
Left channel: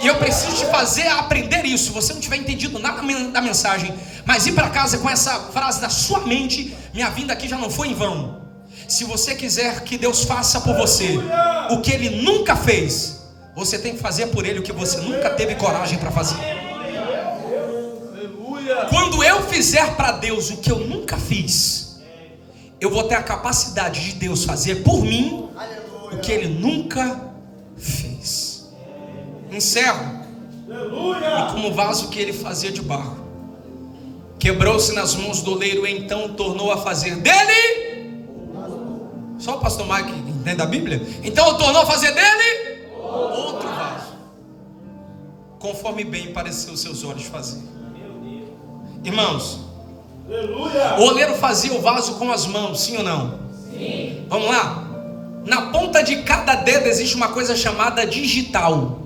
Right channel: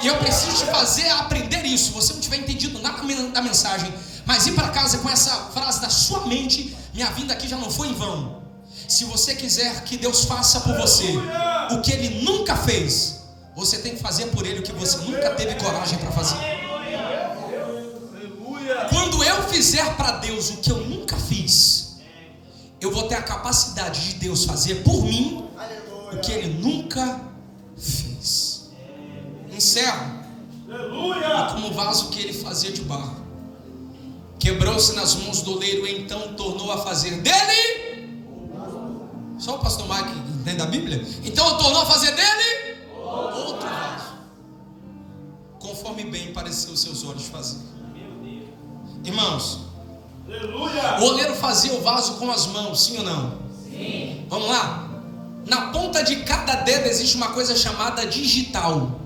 E eu preciso te fazer aprender isso. Se você não tiver entendido nada da mensagem, mas ir para casa com essa frase na sua mente: minha vinda aqui já não foi em vão. Se você quiser que Deus faça por você o que Ele nunca fez, você tem que fazer por Ele o que você nunca teve coragem para fazer. Quando eu fizer para Deus o que eu nunca fiz, eu vou ter a capacidade de Deus fazer por mim o que Ele nunca fez. Encerro. E como o vaso que ele fazia de barro quebrou-se nas mãos do oleiro, então tornou a fazer dele. Só o pastor Mike entende a Bíblia? Então tornou a fazer dele outro vaso, conforme bem pareceu os seus olhos fazer. Irmãos, o oleiro fazia o vaso com as mãos, sim ou não? Sim. Vamos lá? Na ponta de cada dedo existe uma coisa chamada digital.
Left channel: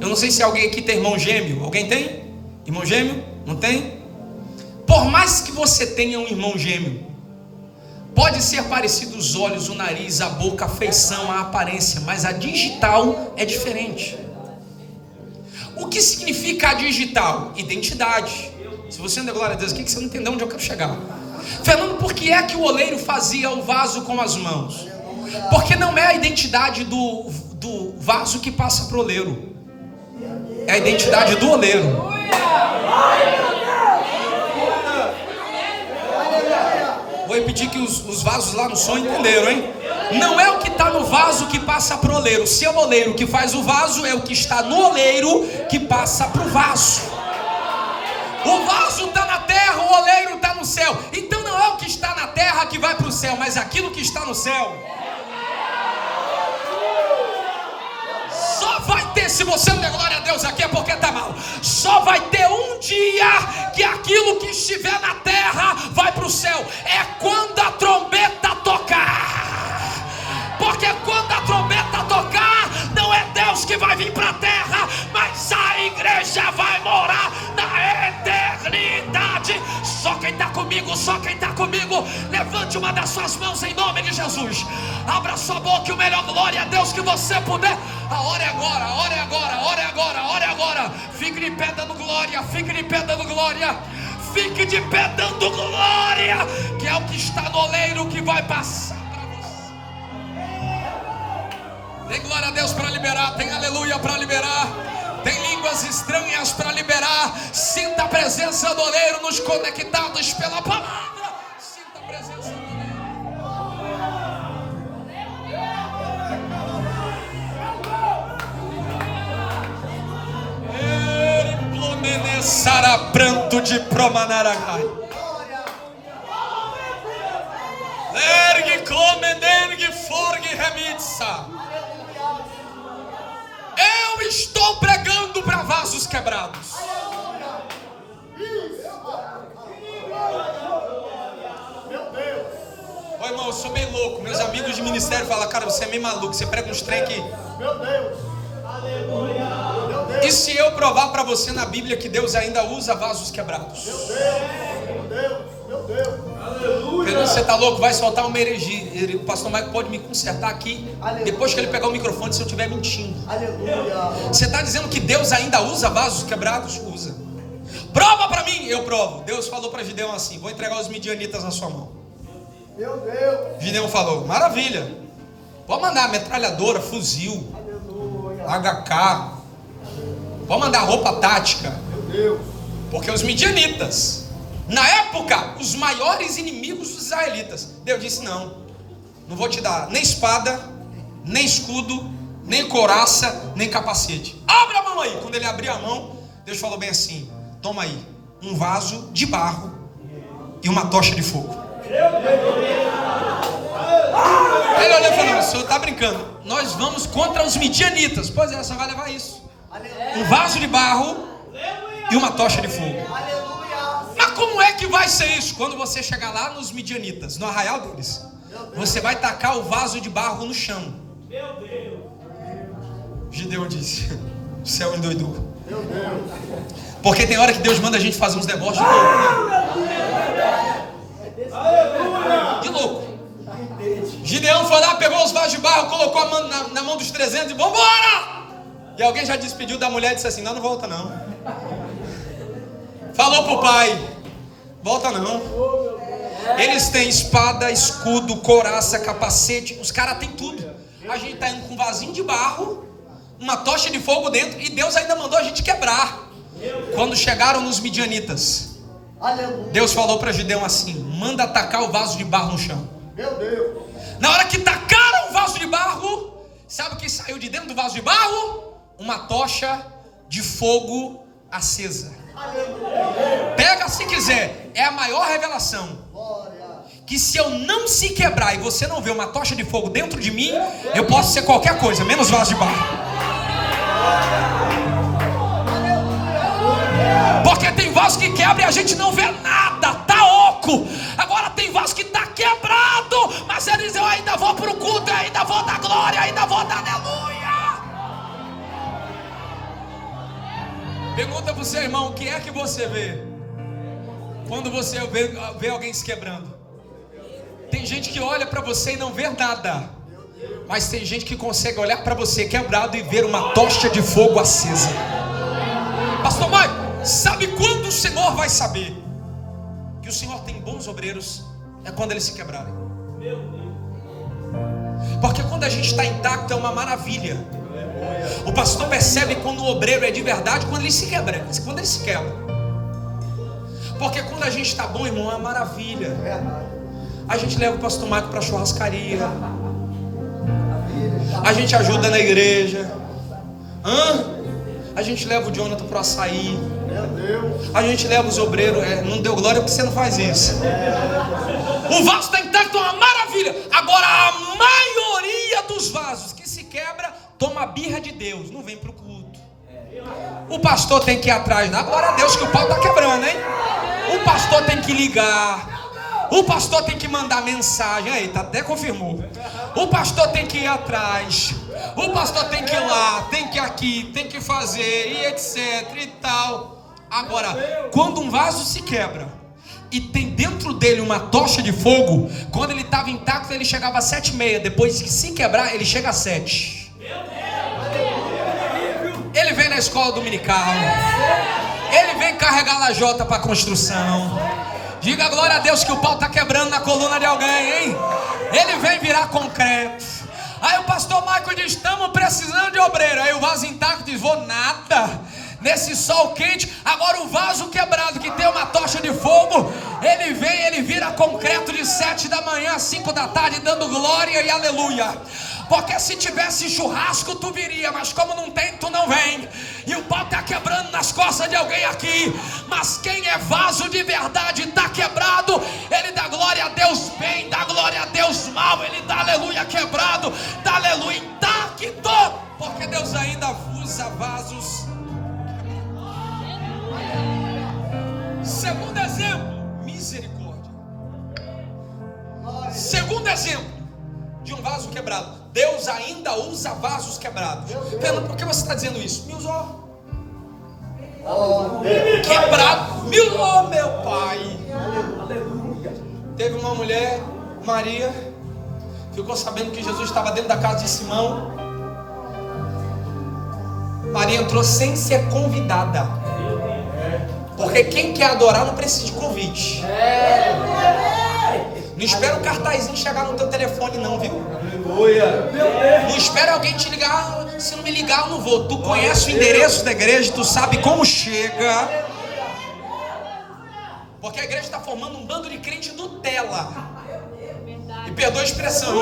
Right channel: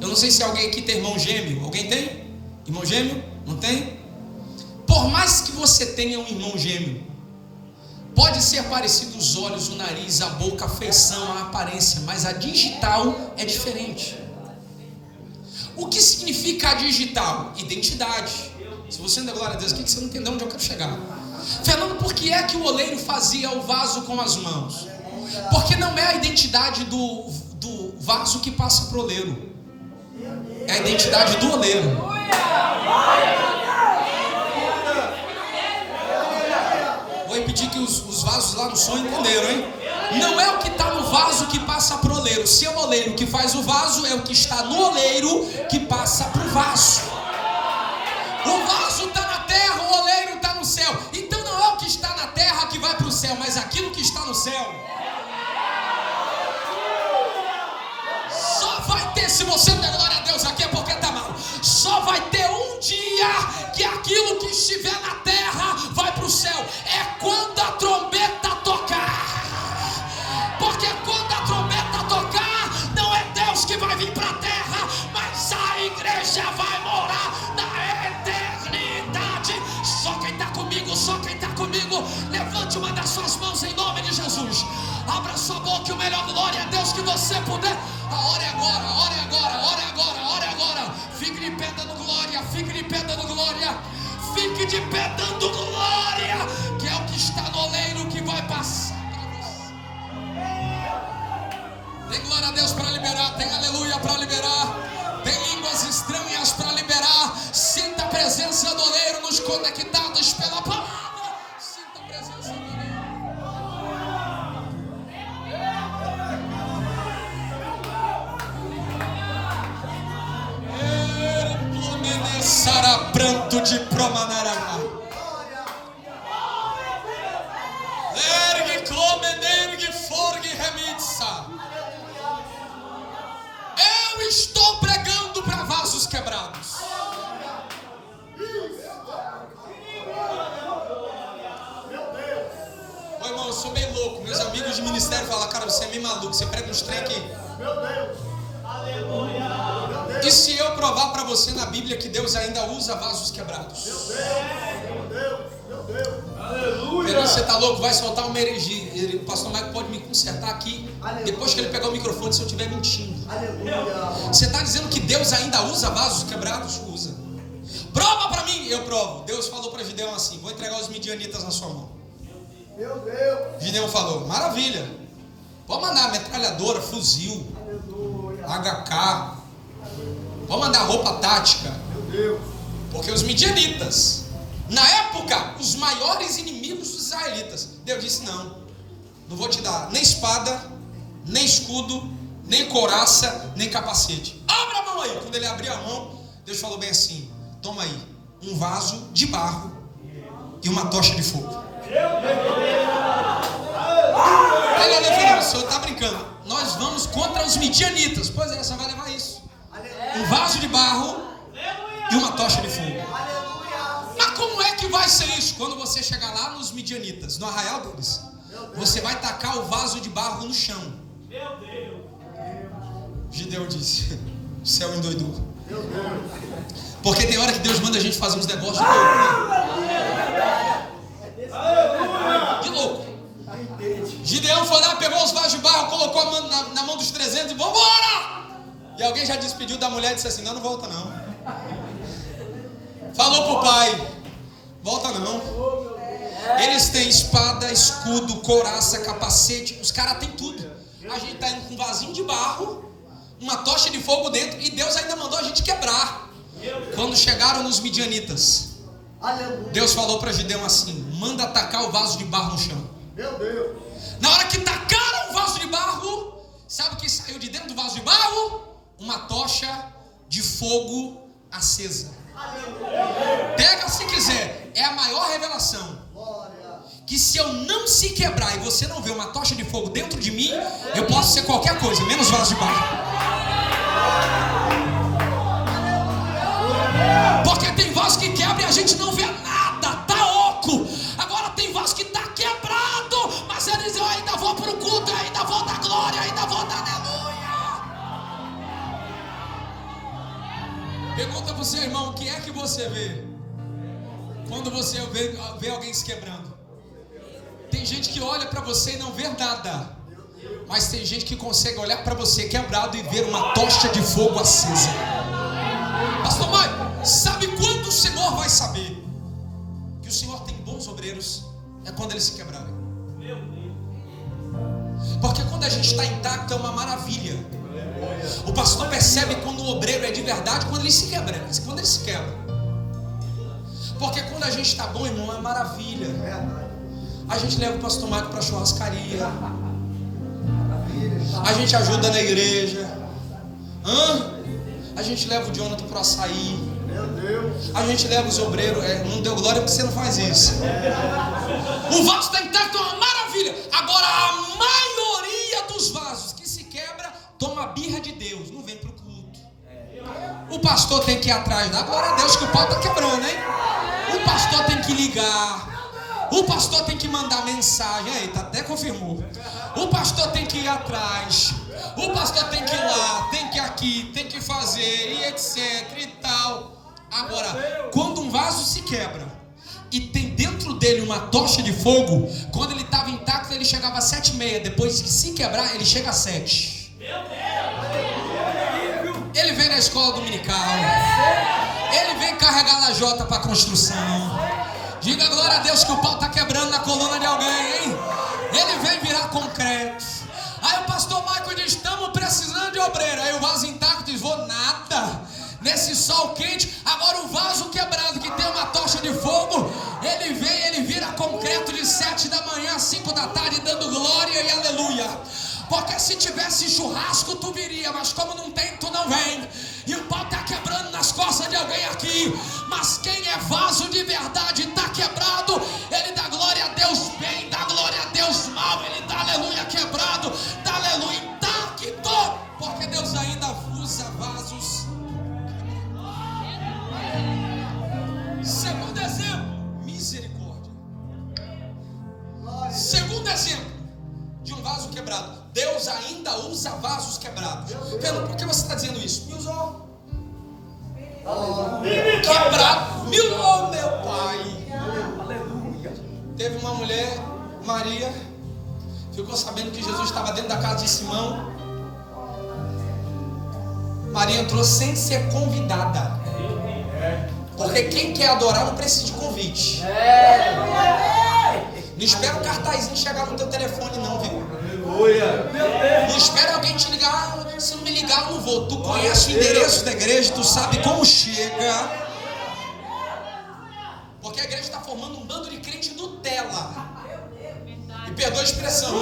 Eu não sei se alguém aqui tem irmão gêmeo. Alguém tem? Irmão gêmeo? Não tem? Por mais que você tenha um irmão gêmeo, pode ser parecido os olhos, o nariz, a boca, a feição, a aparência, mas a digital é diferente. O que significa a digital? Identidade. Se você não der glória a Deus, o que você não entendeu onde eu quero chegar? Fernando, por que é que o oleiro fazia o vaso com as mãos? Porque não é a identidade do vaso que passa para o oleiro, é a identidade do oleiro. Vou repetir que os vasos lá no som entenderam, hein? Não é o que está no vaso que passa para o oleiro. Se é o oleiro que faz o vaso, é o que está no oleiro que passa para o vaso. O vaso está na terra, o oleiro está no céu. Então não é o que está na terra que vai para o céu, mas aquilo que está no céu. Só vai ter, se você não der glória a Deus aqui, é porque está mal. Só vai ter um dia que aquilo que estiver na terra vai para o céu. É quando a trombeta tocar. Porque quando a trombeta tocar, não é Deus que vai vir para a terra, mas a igreja vai morar na eternidade. Só quem está comigo, só quem está comigo, levante uma das suas mãos em nome de Jesus. Abra sua boca e o melhor glória a Deus que você puder. A hora é agora, a hora é agora, a hora é agora, a hora é agora. Fique de pé dando glória, fique de pé dando glória. Fique de pé dando glória, que é o que está no oleiro que vai passar para você. Tem glória a Deus para liberar, tem aleluia para liberar, tem línguas estranhas para liberar. Sinta a presença do oleiro nos conectados pela palavra. Sinta a presença do oleiro. Sara pranto de promanaragai. Ergue come, ergue forgue remitsa. Eu estou pregando para vasos quebrados. Ô irmão, eu sou meio louco. Meus amigos de ministério falam, cara, você é meio maluco, você prega uns trem aqui. Meu Deus. E se eu provar para você na Bíblia que Deus ainda usa vasos quebrados? Meu Deus, meu Deus. Aleluia. Você está louco? Vai soltar uma heresia. O pastor Mike pode me consertar aqui. Aleluia. Depois que ele pegar o microfone, se eu estiver mentindo. Aleluia. Você está dizendo que Deus ainda usa vasos quebrados? Usa. Prova para mim. Eu provo. Deus falou para Gideão assim: vou entregar os midianitas na sua mão. Meu Deus. Gideão falou: maravilha. Pode mandar metralhadora, fuzil, aleluia, HK. Pode mandar roupa tática. Meu Deus. Porque os midianitas, na época, os maiores inimigos dos israelitas. Deus disse: não vou te dar nem espada, nem escudo, nem couraça, nem capacete. Abre a mão aí. Quando ele abriu a mão, Deus falou bem assim: toma aí um vaso de barro e uma tocha de fogo. Ele olhou e falou: o senhor está brincando, nós vamos contra os midianitas. Pois é, você vai levar isso. Um vaso de barro e uma tocha de fogo. Mas como é que vai ser isso? Quando você chegar lá nos midianitas, no arraial deles, você vai tacar o vaso de barro no chão. Gideão disse: o céu endoidou. Porque tem hora que Deus manda a gente fazer uns deboches de louco, né? De louco. Gideão foi lá, pegou os vasos de barro, colocou a mão na mão dos 300 e vambora! E alguém já despediu da mulher e disse assim: não volta não. Falou pro pai: volta não. Eles têm espada, escudo, couraça, capacete. Os caras têm tudo. A gente tá indo com um vasinho de barro, uma tocha de fogo dentro, e Deus ainda mandou a gente quebrar. Quando chegaram nos midianitas, Deus falou para Gideão assim: manda atacar o vaso de barro no chão. Meu Deus. Na hora que tacaram o vaso de barro, sabe o que saiu de dentro do vaso de barro? uma tocha de fogo acesa. Pega se quiser, é a maior revelação. Que se eu não se quebrar e você não ver uma tocha de fogo dentro de mim, eu posso ser qualquer coisa, menos vaso de barro. Porque tem vaso que quebra e a gente não vê nada, tá oco. Agora tem vaso que tá quebrado, mas ele diz: eu ainda vou pro culto, eu ainda vou dar glória, eu ainda vou dar aleluia. Pergunta pro seu irmão: o que é que você vê quando você vê alguém se quebrando? Tem gente que olha para você e não vê nada, mas tem gente que consegue olhar para você quebrado e ver uma tocha de fogo acesa. Pastor Mike, sabe quando o Senhor vai saber que o Senhor tem bons obreiros? É quando eles se quebrarem. Porque quando a gente está intacto é uma maravilha. O pastor percebe quando o obreiro é de verdade, quando ele se quebra, quando ele se quebra. Porque quando a gente está bom, irmão, é uma maravilha. A gente leva o pastor Mike para a churrascaria, a gente ajuda na igreja, a gente leva o Jonathan para o açaí, a gente leva os obreiros. Não deu glória porque você não faz isso. O vaso está intacto, é uma maravilha. Agora a maioria dos vasos que se quebra toma birra de Deus, não vem para o culto. O pastor tem que ir atrás, dá glória a Deus que o pau está quebrando, hein? O pastor tem que ligar, o pastor tem que mandar mensagem. Aí, tá, até confirmou. O pastor tem que ir atrás, o pastor tem que ir lá, tem que ir aqui, tem que fazer, e etc e tal. Agora, quando um vaso se quebra e tem dentro dele uma tocha de fogo, quando ele estava intacto ele chegava às 7h30, depois que se quebrar ele chega às 7. Ele vem na escola dominical, ele vem carregar lajota para construção. Diga glória a Deus que o pau está quebrando na coluna de alguém, hein? Ele vem virar concreto. Aí o pastor Michael diz: estamos precisando de obreiro. Aí o vaso intacto diz: vou nada, nesse sol quente. Agora o vaso quebrado que tem uma tocha de fogo, ele vem, ele vira concreto de 7 da manhã a 5 da tarde, dando glória e aleluia. Porque se tivesse churrasco tu viria, mas como não tem, tu não vem. E o pau está quebrando nas costas de alguém aqui. Mas quem é vaso de verdade está quebrado, ele dá glória a Deus bem, dá glória a Deus mal, ele dá aleluia quebrado, dá aleluia intacto. Porque Deus ainda usa vasos. Segundo exemplo, misericórdia. Segundo exemplo de um vaso quebrado, Deus ainda usa vasos quebrados. Pelo, por que você está dizendo isso? Me usou. Quebrado. Me usou, meu pai. Aleluia. Teve uma mulher, Maria, ficou sabendo que Jesus estava dentro da casa de Simão. Maria entrou sem ser convidada. Porque quem quer adorar não precisa de convite. Não espera um cartazinho chegar no teu telefone não, viu? Aleluia. Não espera alguém te ligar. Se não me ligar eu não vou. Tu conhece o endereço da igreja, tu sabe como chega. Porque a igreja está formando um bando de crente Nutella. E perdoa a expressão,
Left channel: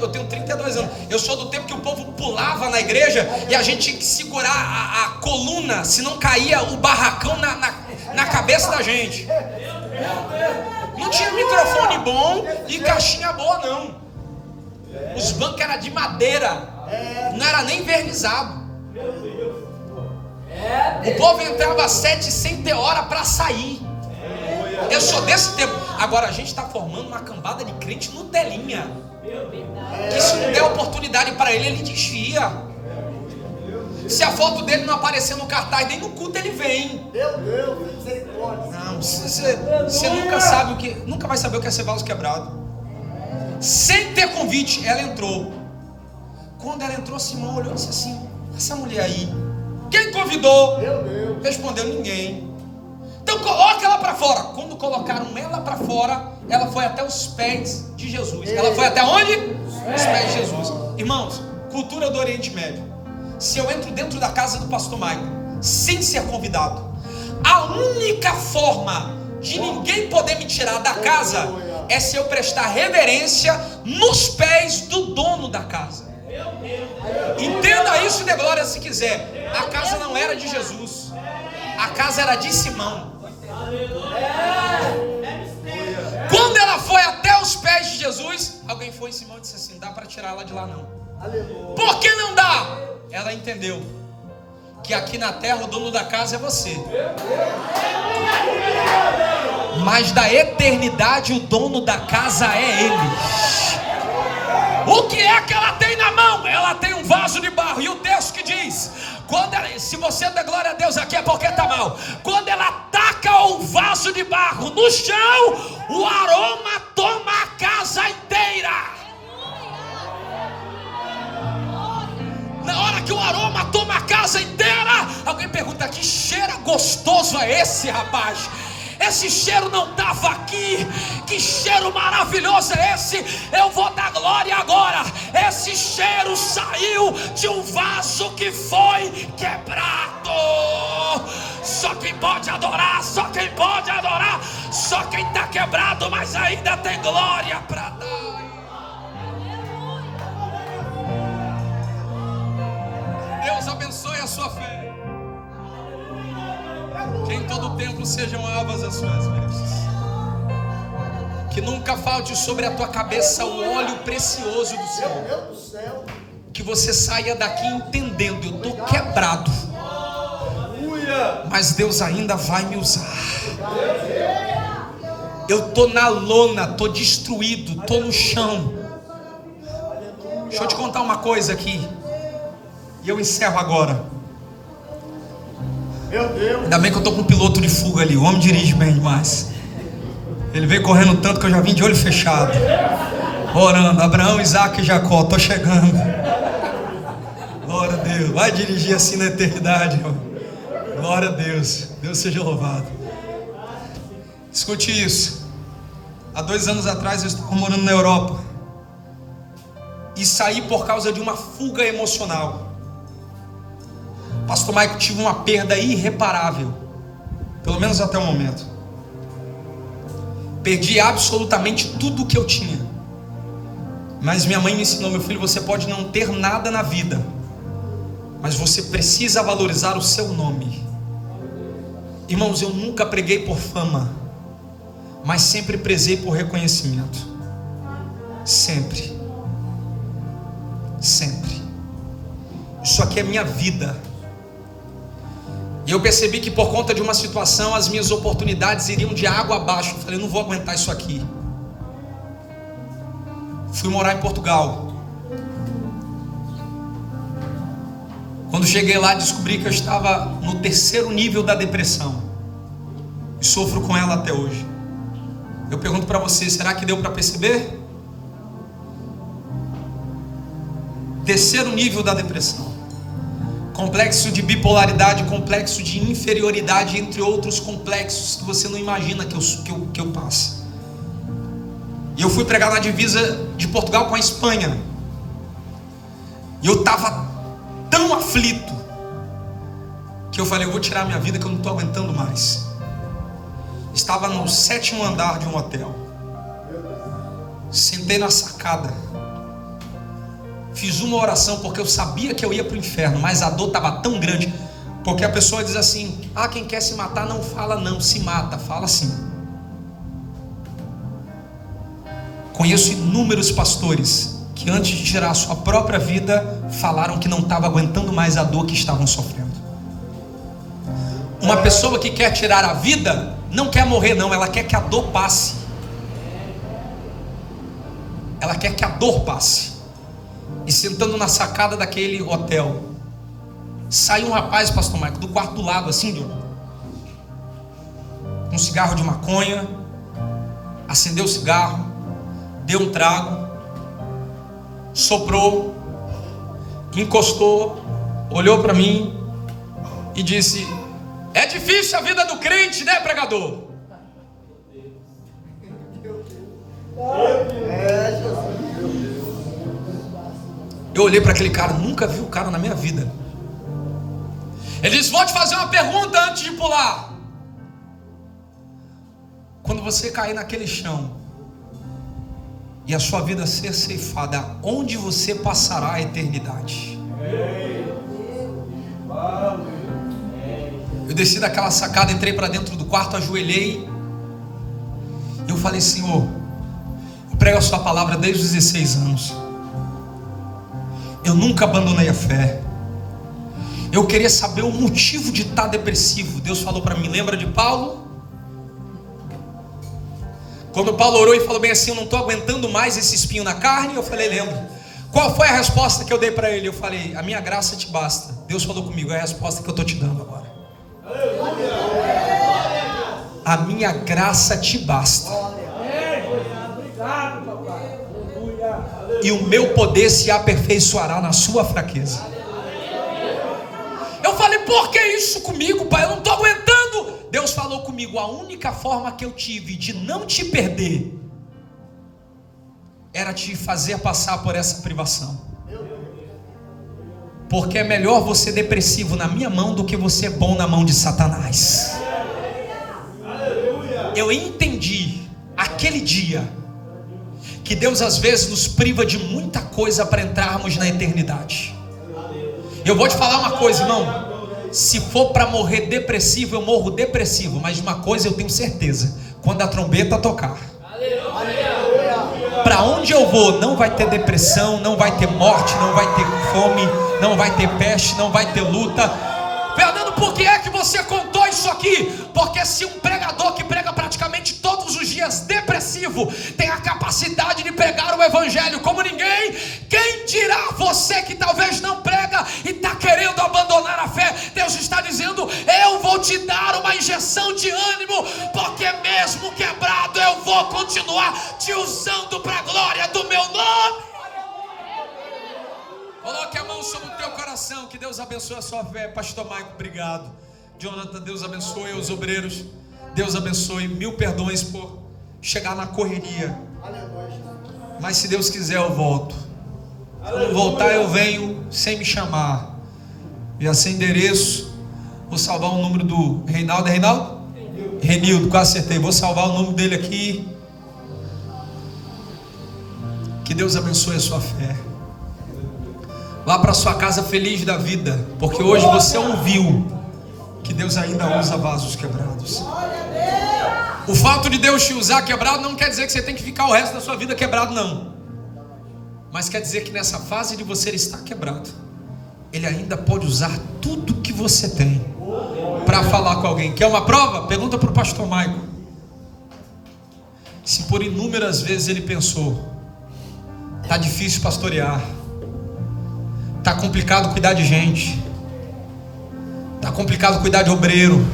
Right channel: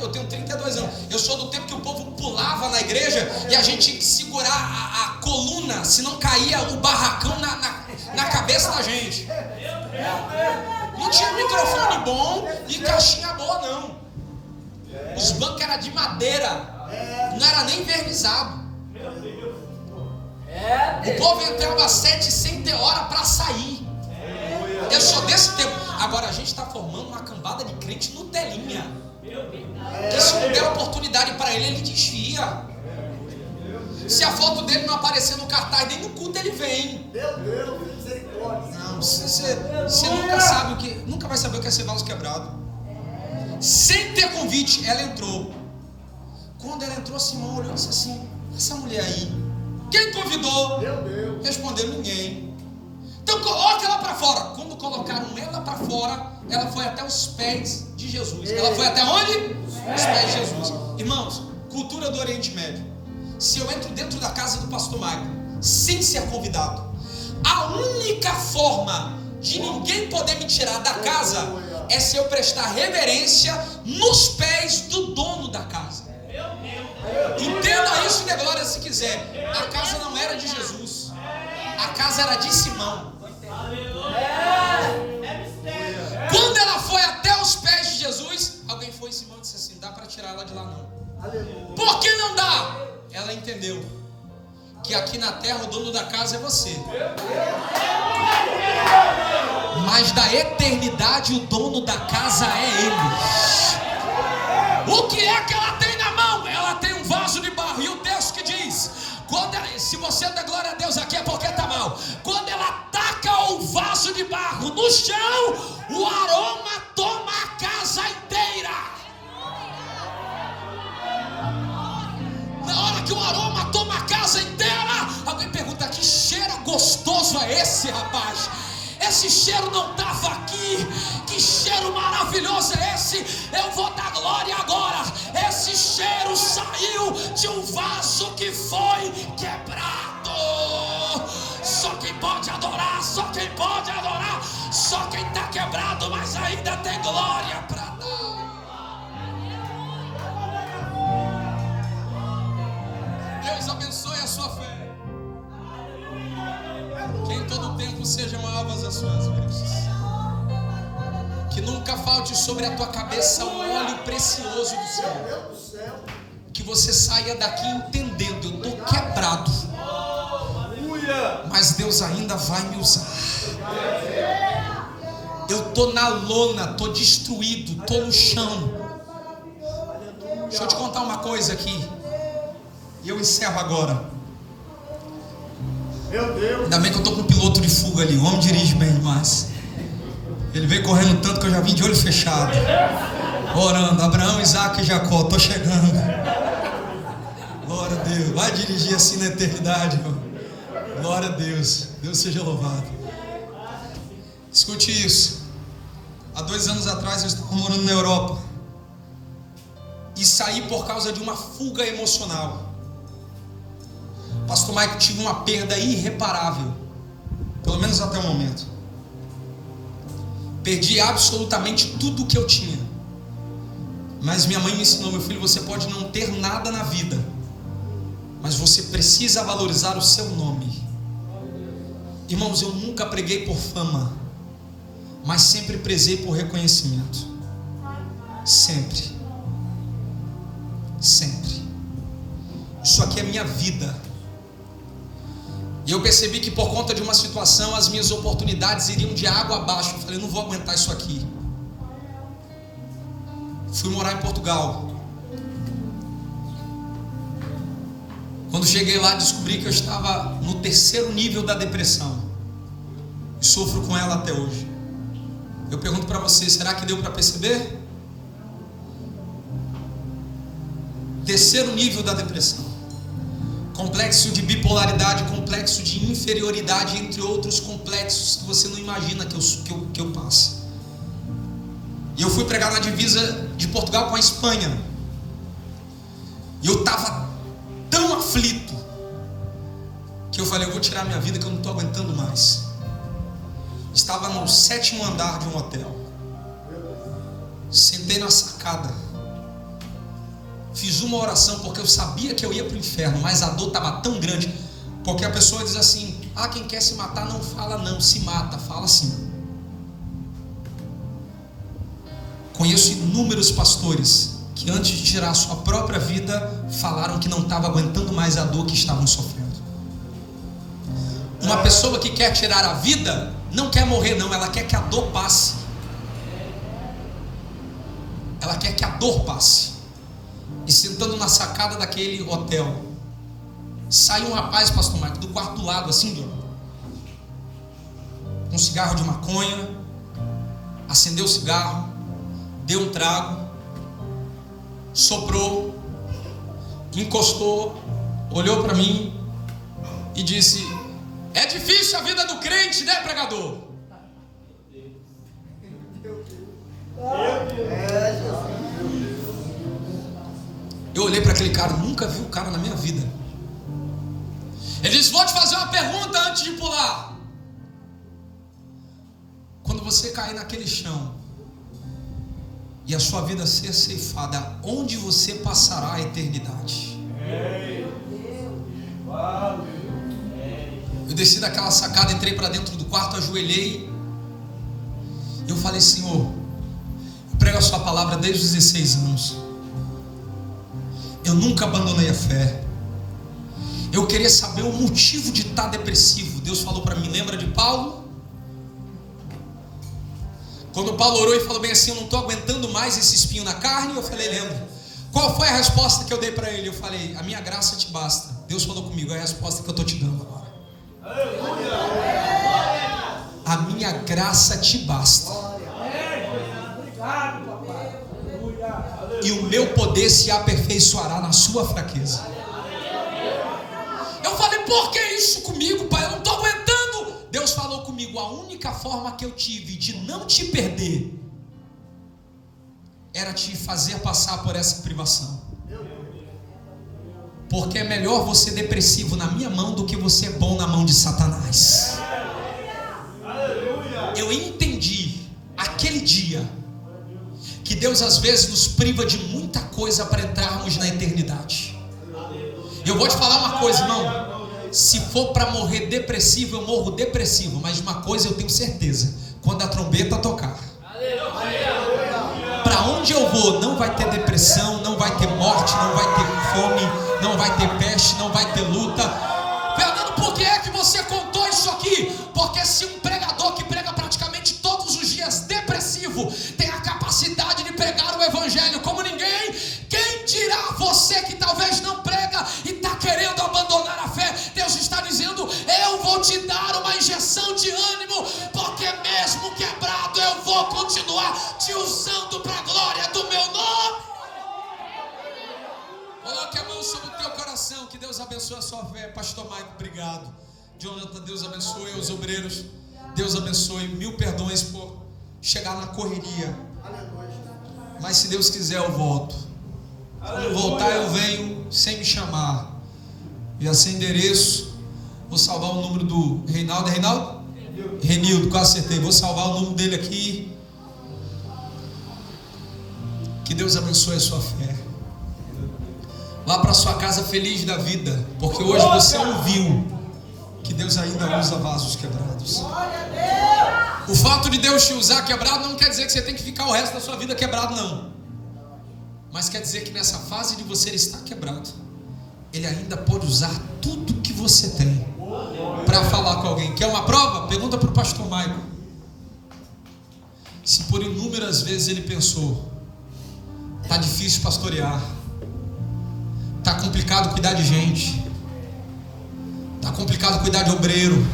eu tenho 32 anos. Eu sou do tempo que o povo pulava na igreja e a gente tinha que segurar a coluna, senão caía o barracão na cabeça da gente. Não tinha microfone bom e caixinha boa não. Os bancos eram de madeira, não era nem vernizado. O povo entrava às 7 sem ter hora para sair. Eu sou desse tempo. Agora a gente está formando uma cambada de crente Nutelinha, que se não der oportunidade para ele desvia. Se a foto dele não aparecer no cartaz, nem no culto ele vem. Meu Deus, misericórdia. Não, você nunca vai saber o que é ser vaso quebrado. Sem ter convite, ela entrou. Quando ela entrou, Simão olhou e disse assim: essa mulher aí, quem convidou? Meu Deus. Respondeu: ninguém. Então coloca ela para fora. Quando colocaram ela para fora, ela foi até os pés de Jesus. Ela foi até onde? Os pés de Jesus. Irmãos, cultura do Oriente Médio. Se eu entro dentro da casa do pastor Michael sem ser convidado, a única forma de ninguém poder me tirar da casa é se eu prestar reverência nos pés do dono da casa. E Entenda isso e dê glória se quiser. A casa não era de Jesus, a casa era de Simão. Quando ela foi até os pés de Jesus, alguém foi em Simão e disse assim: dá para tirar ela de lá não. Por que não dá? Ela entendeu que aqui na terra o dono da casa é você, mas da eternidade o dono da casa é Ele. O que é que ela tem na mão? Ela tem um vaso de barro. E o texto que diz, se você der glória a Deus aqui é porque está mal. Quando ela taca o vaso de barro no chão, o aroma toma a casa inteira. Na hora que o aroma toma a casa inteira, alguém pergunta: que cheiro gostoso é esse, rapaz? Esse cheiro não estava aqui. Que cheiro maravilhoso é esse? Eu vou dar glória agora. Esse cheiro saiu de um vaso que foi quebrado. Só quem pode adorar, só quem pode adorar, só quem está quebrado, mas ainda tem glória para dar. Deus abençoe a sua fé. Que em todo tempo sejam novas as suas bênçãos. Que nunca falte sobre a tua cabeça o óleo precioso do Senhor. Que você saia daqui entendendo: eu estou quebrado, mas Deus ainda vai me usar. Eu estou na lona, estou destruído, estou no chão. Deixa eu te contar uma coisa aqui, e eu encerro agora. Meu Deus. Ainda bem que eu estou com um piloto de fuga ali. O homem dirige bem demais. Ele veio correndo tanto que eu já vim de olho fechado, orando: Abraão, Isaac e Jacó, estou chegando. Glória a Deus. Vai dirigir assim na eternidade, irmão. Glória a Deus. Deus seja louvado. Escute isso. Há 2 anos atrás eu estava morando na Europa e saí por causa de uma fuga emocional. Pastor Mike, tive uma perda irreparável, pelo menos até o momento. Perdi absolutamente tudo o que eu tinha. Mas minha mãe me ensinou: meu filho, você pode não ter nada na vida, mas você precisa valorizar o seu nome. Irmãos, eu nunca preguei por fama, mas sempre prezei por reconhecimento. Sempre. Sempre. Isso aqui é minha vida. E eu percebi que por conta de uma situação as minhas oportunidades iriam de água abaixo. Eu falei: eu não vou aguentar isso aqui. Fui morar em Portugal. Quando cheguei lá, descobri que eu estava no 3º nível da depressão. E sofro com ela até hoje. Eu pergunto para você: será que deu para perceber? 3º nível da depressão. Complexo de bipolaridade, complexo de inferioridade, entre outros complexos que você não imagina que eu passe. E eu fui pregar na divisa de Portugal com a Espanha. E eu estava tão aflito que eu falei: eu vou tirar minha vida, que eu não estou aguentando mais. Estava no 7º andar de um hotel. Sentei na sacada. Fiz uma oração porque eu sabia que eu ia para o inferno, mas a dor estava tão grande. Porque a pessoa diz assim: ah, quem quer se matar não fala não, se mata, fala sim. Conheço inúmeros pastores que antes de tirar a sua própria vida falaram que não estavam aguentando mais a dor que estavam sofrendo. Uma pessoa que quer tirar a vida não quer morrer não, ela quer que a dor passe. Ela quer que a dor passe. E sentando na sacada daquele hotel, saiu um rapaz, pastor Marco, do quarto do lado, assim, com um cigarro de maconha, acendeu o cigarro, deu um trago, soprou, encostou, olhou para mim e disse: é difícil a vida do crente, né, pregador? Eu olhei para aquele cara, nunca vi o cara na minha vida. Ele disse: vou te fazer uma pergunta antes de pular. Quando você cair naquele chão e a sua vida ser ceifada, onde você passará a eternidade? Eu desci daquela sacada, entrei para dentro do quarto, ajoelhei. E eu falei: Senhor, eu prego a sua palavra desde os 16 anos. Eu nunca abandonei a fé. Eu queria saber o motivo de estar depressivo. Deus falou para mim: lembra de Paulo? Quando Paulo orou e falou bem assim: eu não estou aguentando mais esse espinho na carne. Eu falei: lembro. Qual foi a resposta que eu dei para ele? Eu falei: a minha graça te basta. Deus falou comigo: é a resposta que eu estou te dando agora. A minha graça te basta, e o meu poder se aperfeiçoará na sua fraqueza. Eu falei: por que isso comigo, pai? Eu não estou aguentando. Deus falou comigo: a única forma que eu tive de não te perder era te fazer passar por essa privação. Porque é melhor você depressivo na minha mão do que você bom na mão de Satanás. Eu entendi aquele dia que Deus às vezes nos priva de muita coisa para entrarmos na eternidade. Eu vou te falar uma coisa, irmão: se for para morrer depressivo, eu morro depressivo. Mas de uma coisa eu tenho certeza: quando a trombeta tocar, para onde eu vou, não vai ter depressão, não vai ter morte, não vai ter fome, não vai ter peste, não vai ter luta. Fernando, por que é que você contou isso aqui? Porque se um pregador que prega praticamente todos os dias depressivo tem a capacidade de pregar o evangelho como ninguém, quem dirá você que talvez não prega e está querendo abandonar a fé? Deus está dizendo: eu vou te dar uma injeção de ânimo, porque mesmo quebrado eu vou continuar te usando para a glória do meu nome. Coloque a mão sobre o teu coração. Que Deus abençoe a sua fé. Pastor Maico, obrigado. Jonathan, Deus abençoe os obreiros. Deus abençoe. 1000 perdões por chegar na correria. Mas se Deus quiser eu volto. Quando voltar eu venho sem me chamar. E assim endereço. Vou salvar o número do Reinaldo. É Reinaldo? Renildo, quase acertei. Vou salvar o número dele aqui. Que Deus abençoe a sua fé. Vá para sua casa feliz da vida, porque hoje você ouviu que Deus ainda usa vasos quebrados. O fato de Deus te usar quebrado não quer dizer que você tem que ficar o resto da sua vida quebrado, não. Mas quer dizer que nessa fase de você estar quebrado, Ele ainda pode usar tudo que você tem para falar com alguém. Quer uma prova? Pergunta para o pastor Maico. Se por inúmeras vezes ele pensou: está difícil pastorear, está complicado cuidar de gente, está complicado cuidar de obreiro,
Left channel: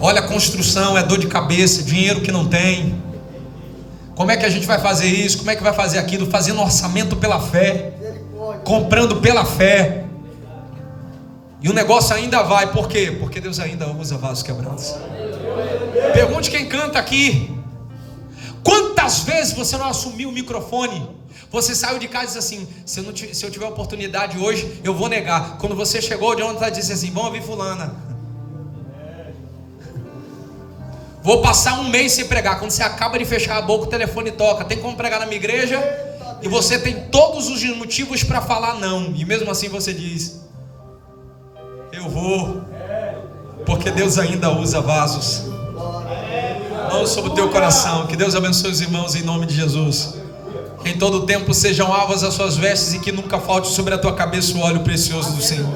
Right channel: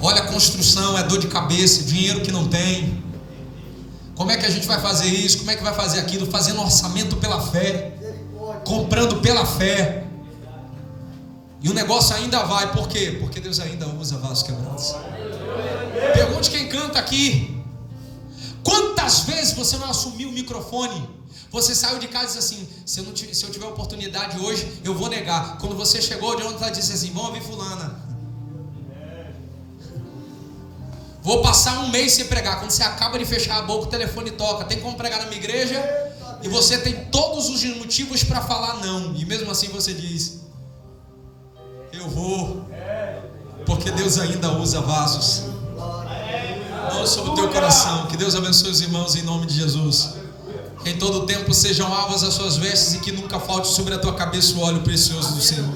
olha, a construção é dor de cabeça, dinheiro que não tem, como é que a gente vai fazer isso, como é que vai fazer aquilo? Fazendo orçamento pela fé, comprando pela fé, e o negócio ainda vai. Por quê? Porque Deus ainda usa vasos quebrados. Pergunte quem canta aqui: quantas vezes você não assumiu o microfone? Você saiu de casa e disse assim: se eu tiver oportunidade hoje, eu vou negar. Quando você chegou, o Jonathan disse assim: vamos ouvir fulana. Vou passar um mês sem pregar. Quando você acaba de fechar a boca, o telefone toca: tem como pregar na minha igreja? E você tem todos os motivos para falar não. E mesmo assim você diz: eu vou. Porque Deus ainda usa vasos. Mão sobre o teu coração. Que Deus abençoe os irmãos em nome de Jesus. Que em todo tempo sejam alvas as suas vestes e que nunca falte sobre a tua cabeça o óleo precioso do Senhor.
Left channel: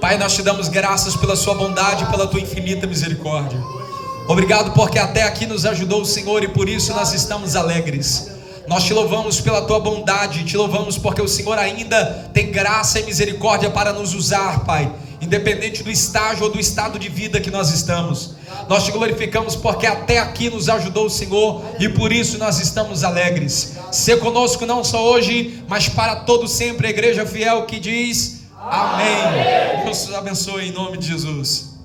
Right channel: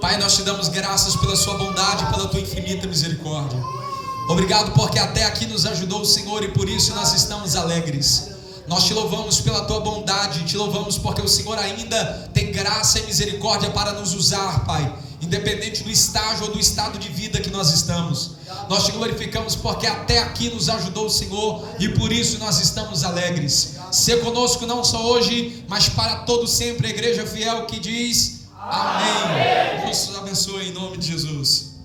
Pai, nós te damos graças pela sua bondade e pela tua infinita misericórdia. Obrigado porque até aqui nos ajudou o Senhor e por isso nós estamos alegres. Nós te louvamos pela tua bondade, te louvamos porque o Senhor ainda tem graça e misericórdia para nos usar, Pai, independente do estágio ou do estado de vida que nós estamos. Nós te glorificamos porque até aqui nos ajudou o Senhor e por isso nós estamos alegres. Sê conosco não só hoje, mas para todo sempre, a igreja fiel que diz amém. Deus te abençoe em nome de Jesus.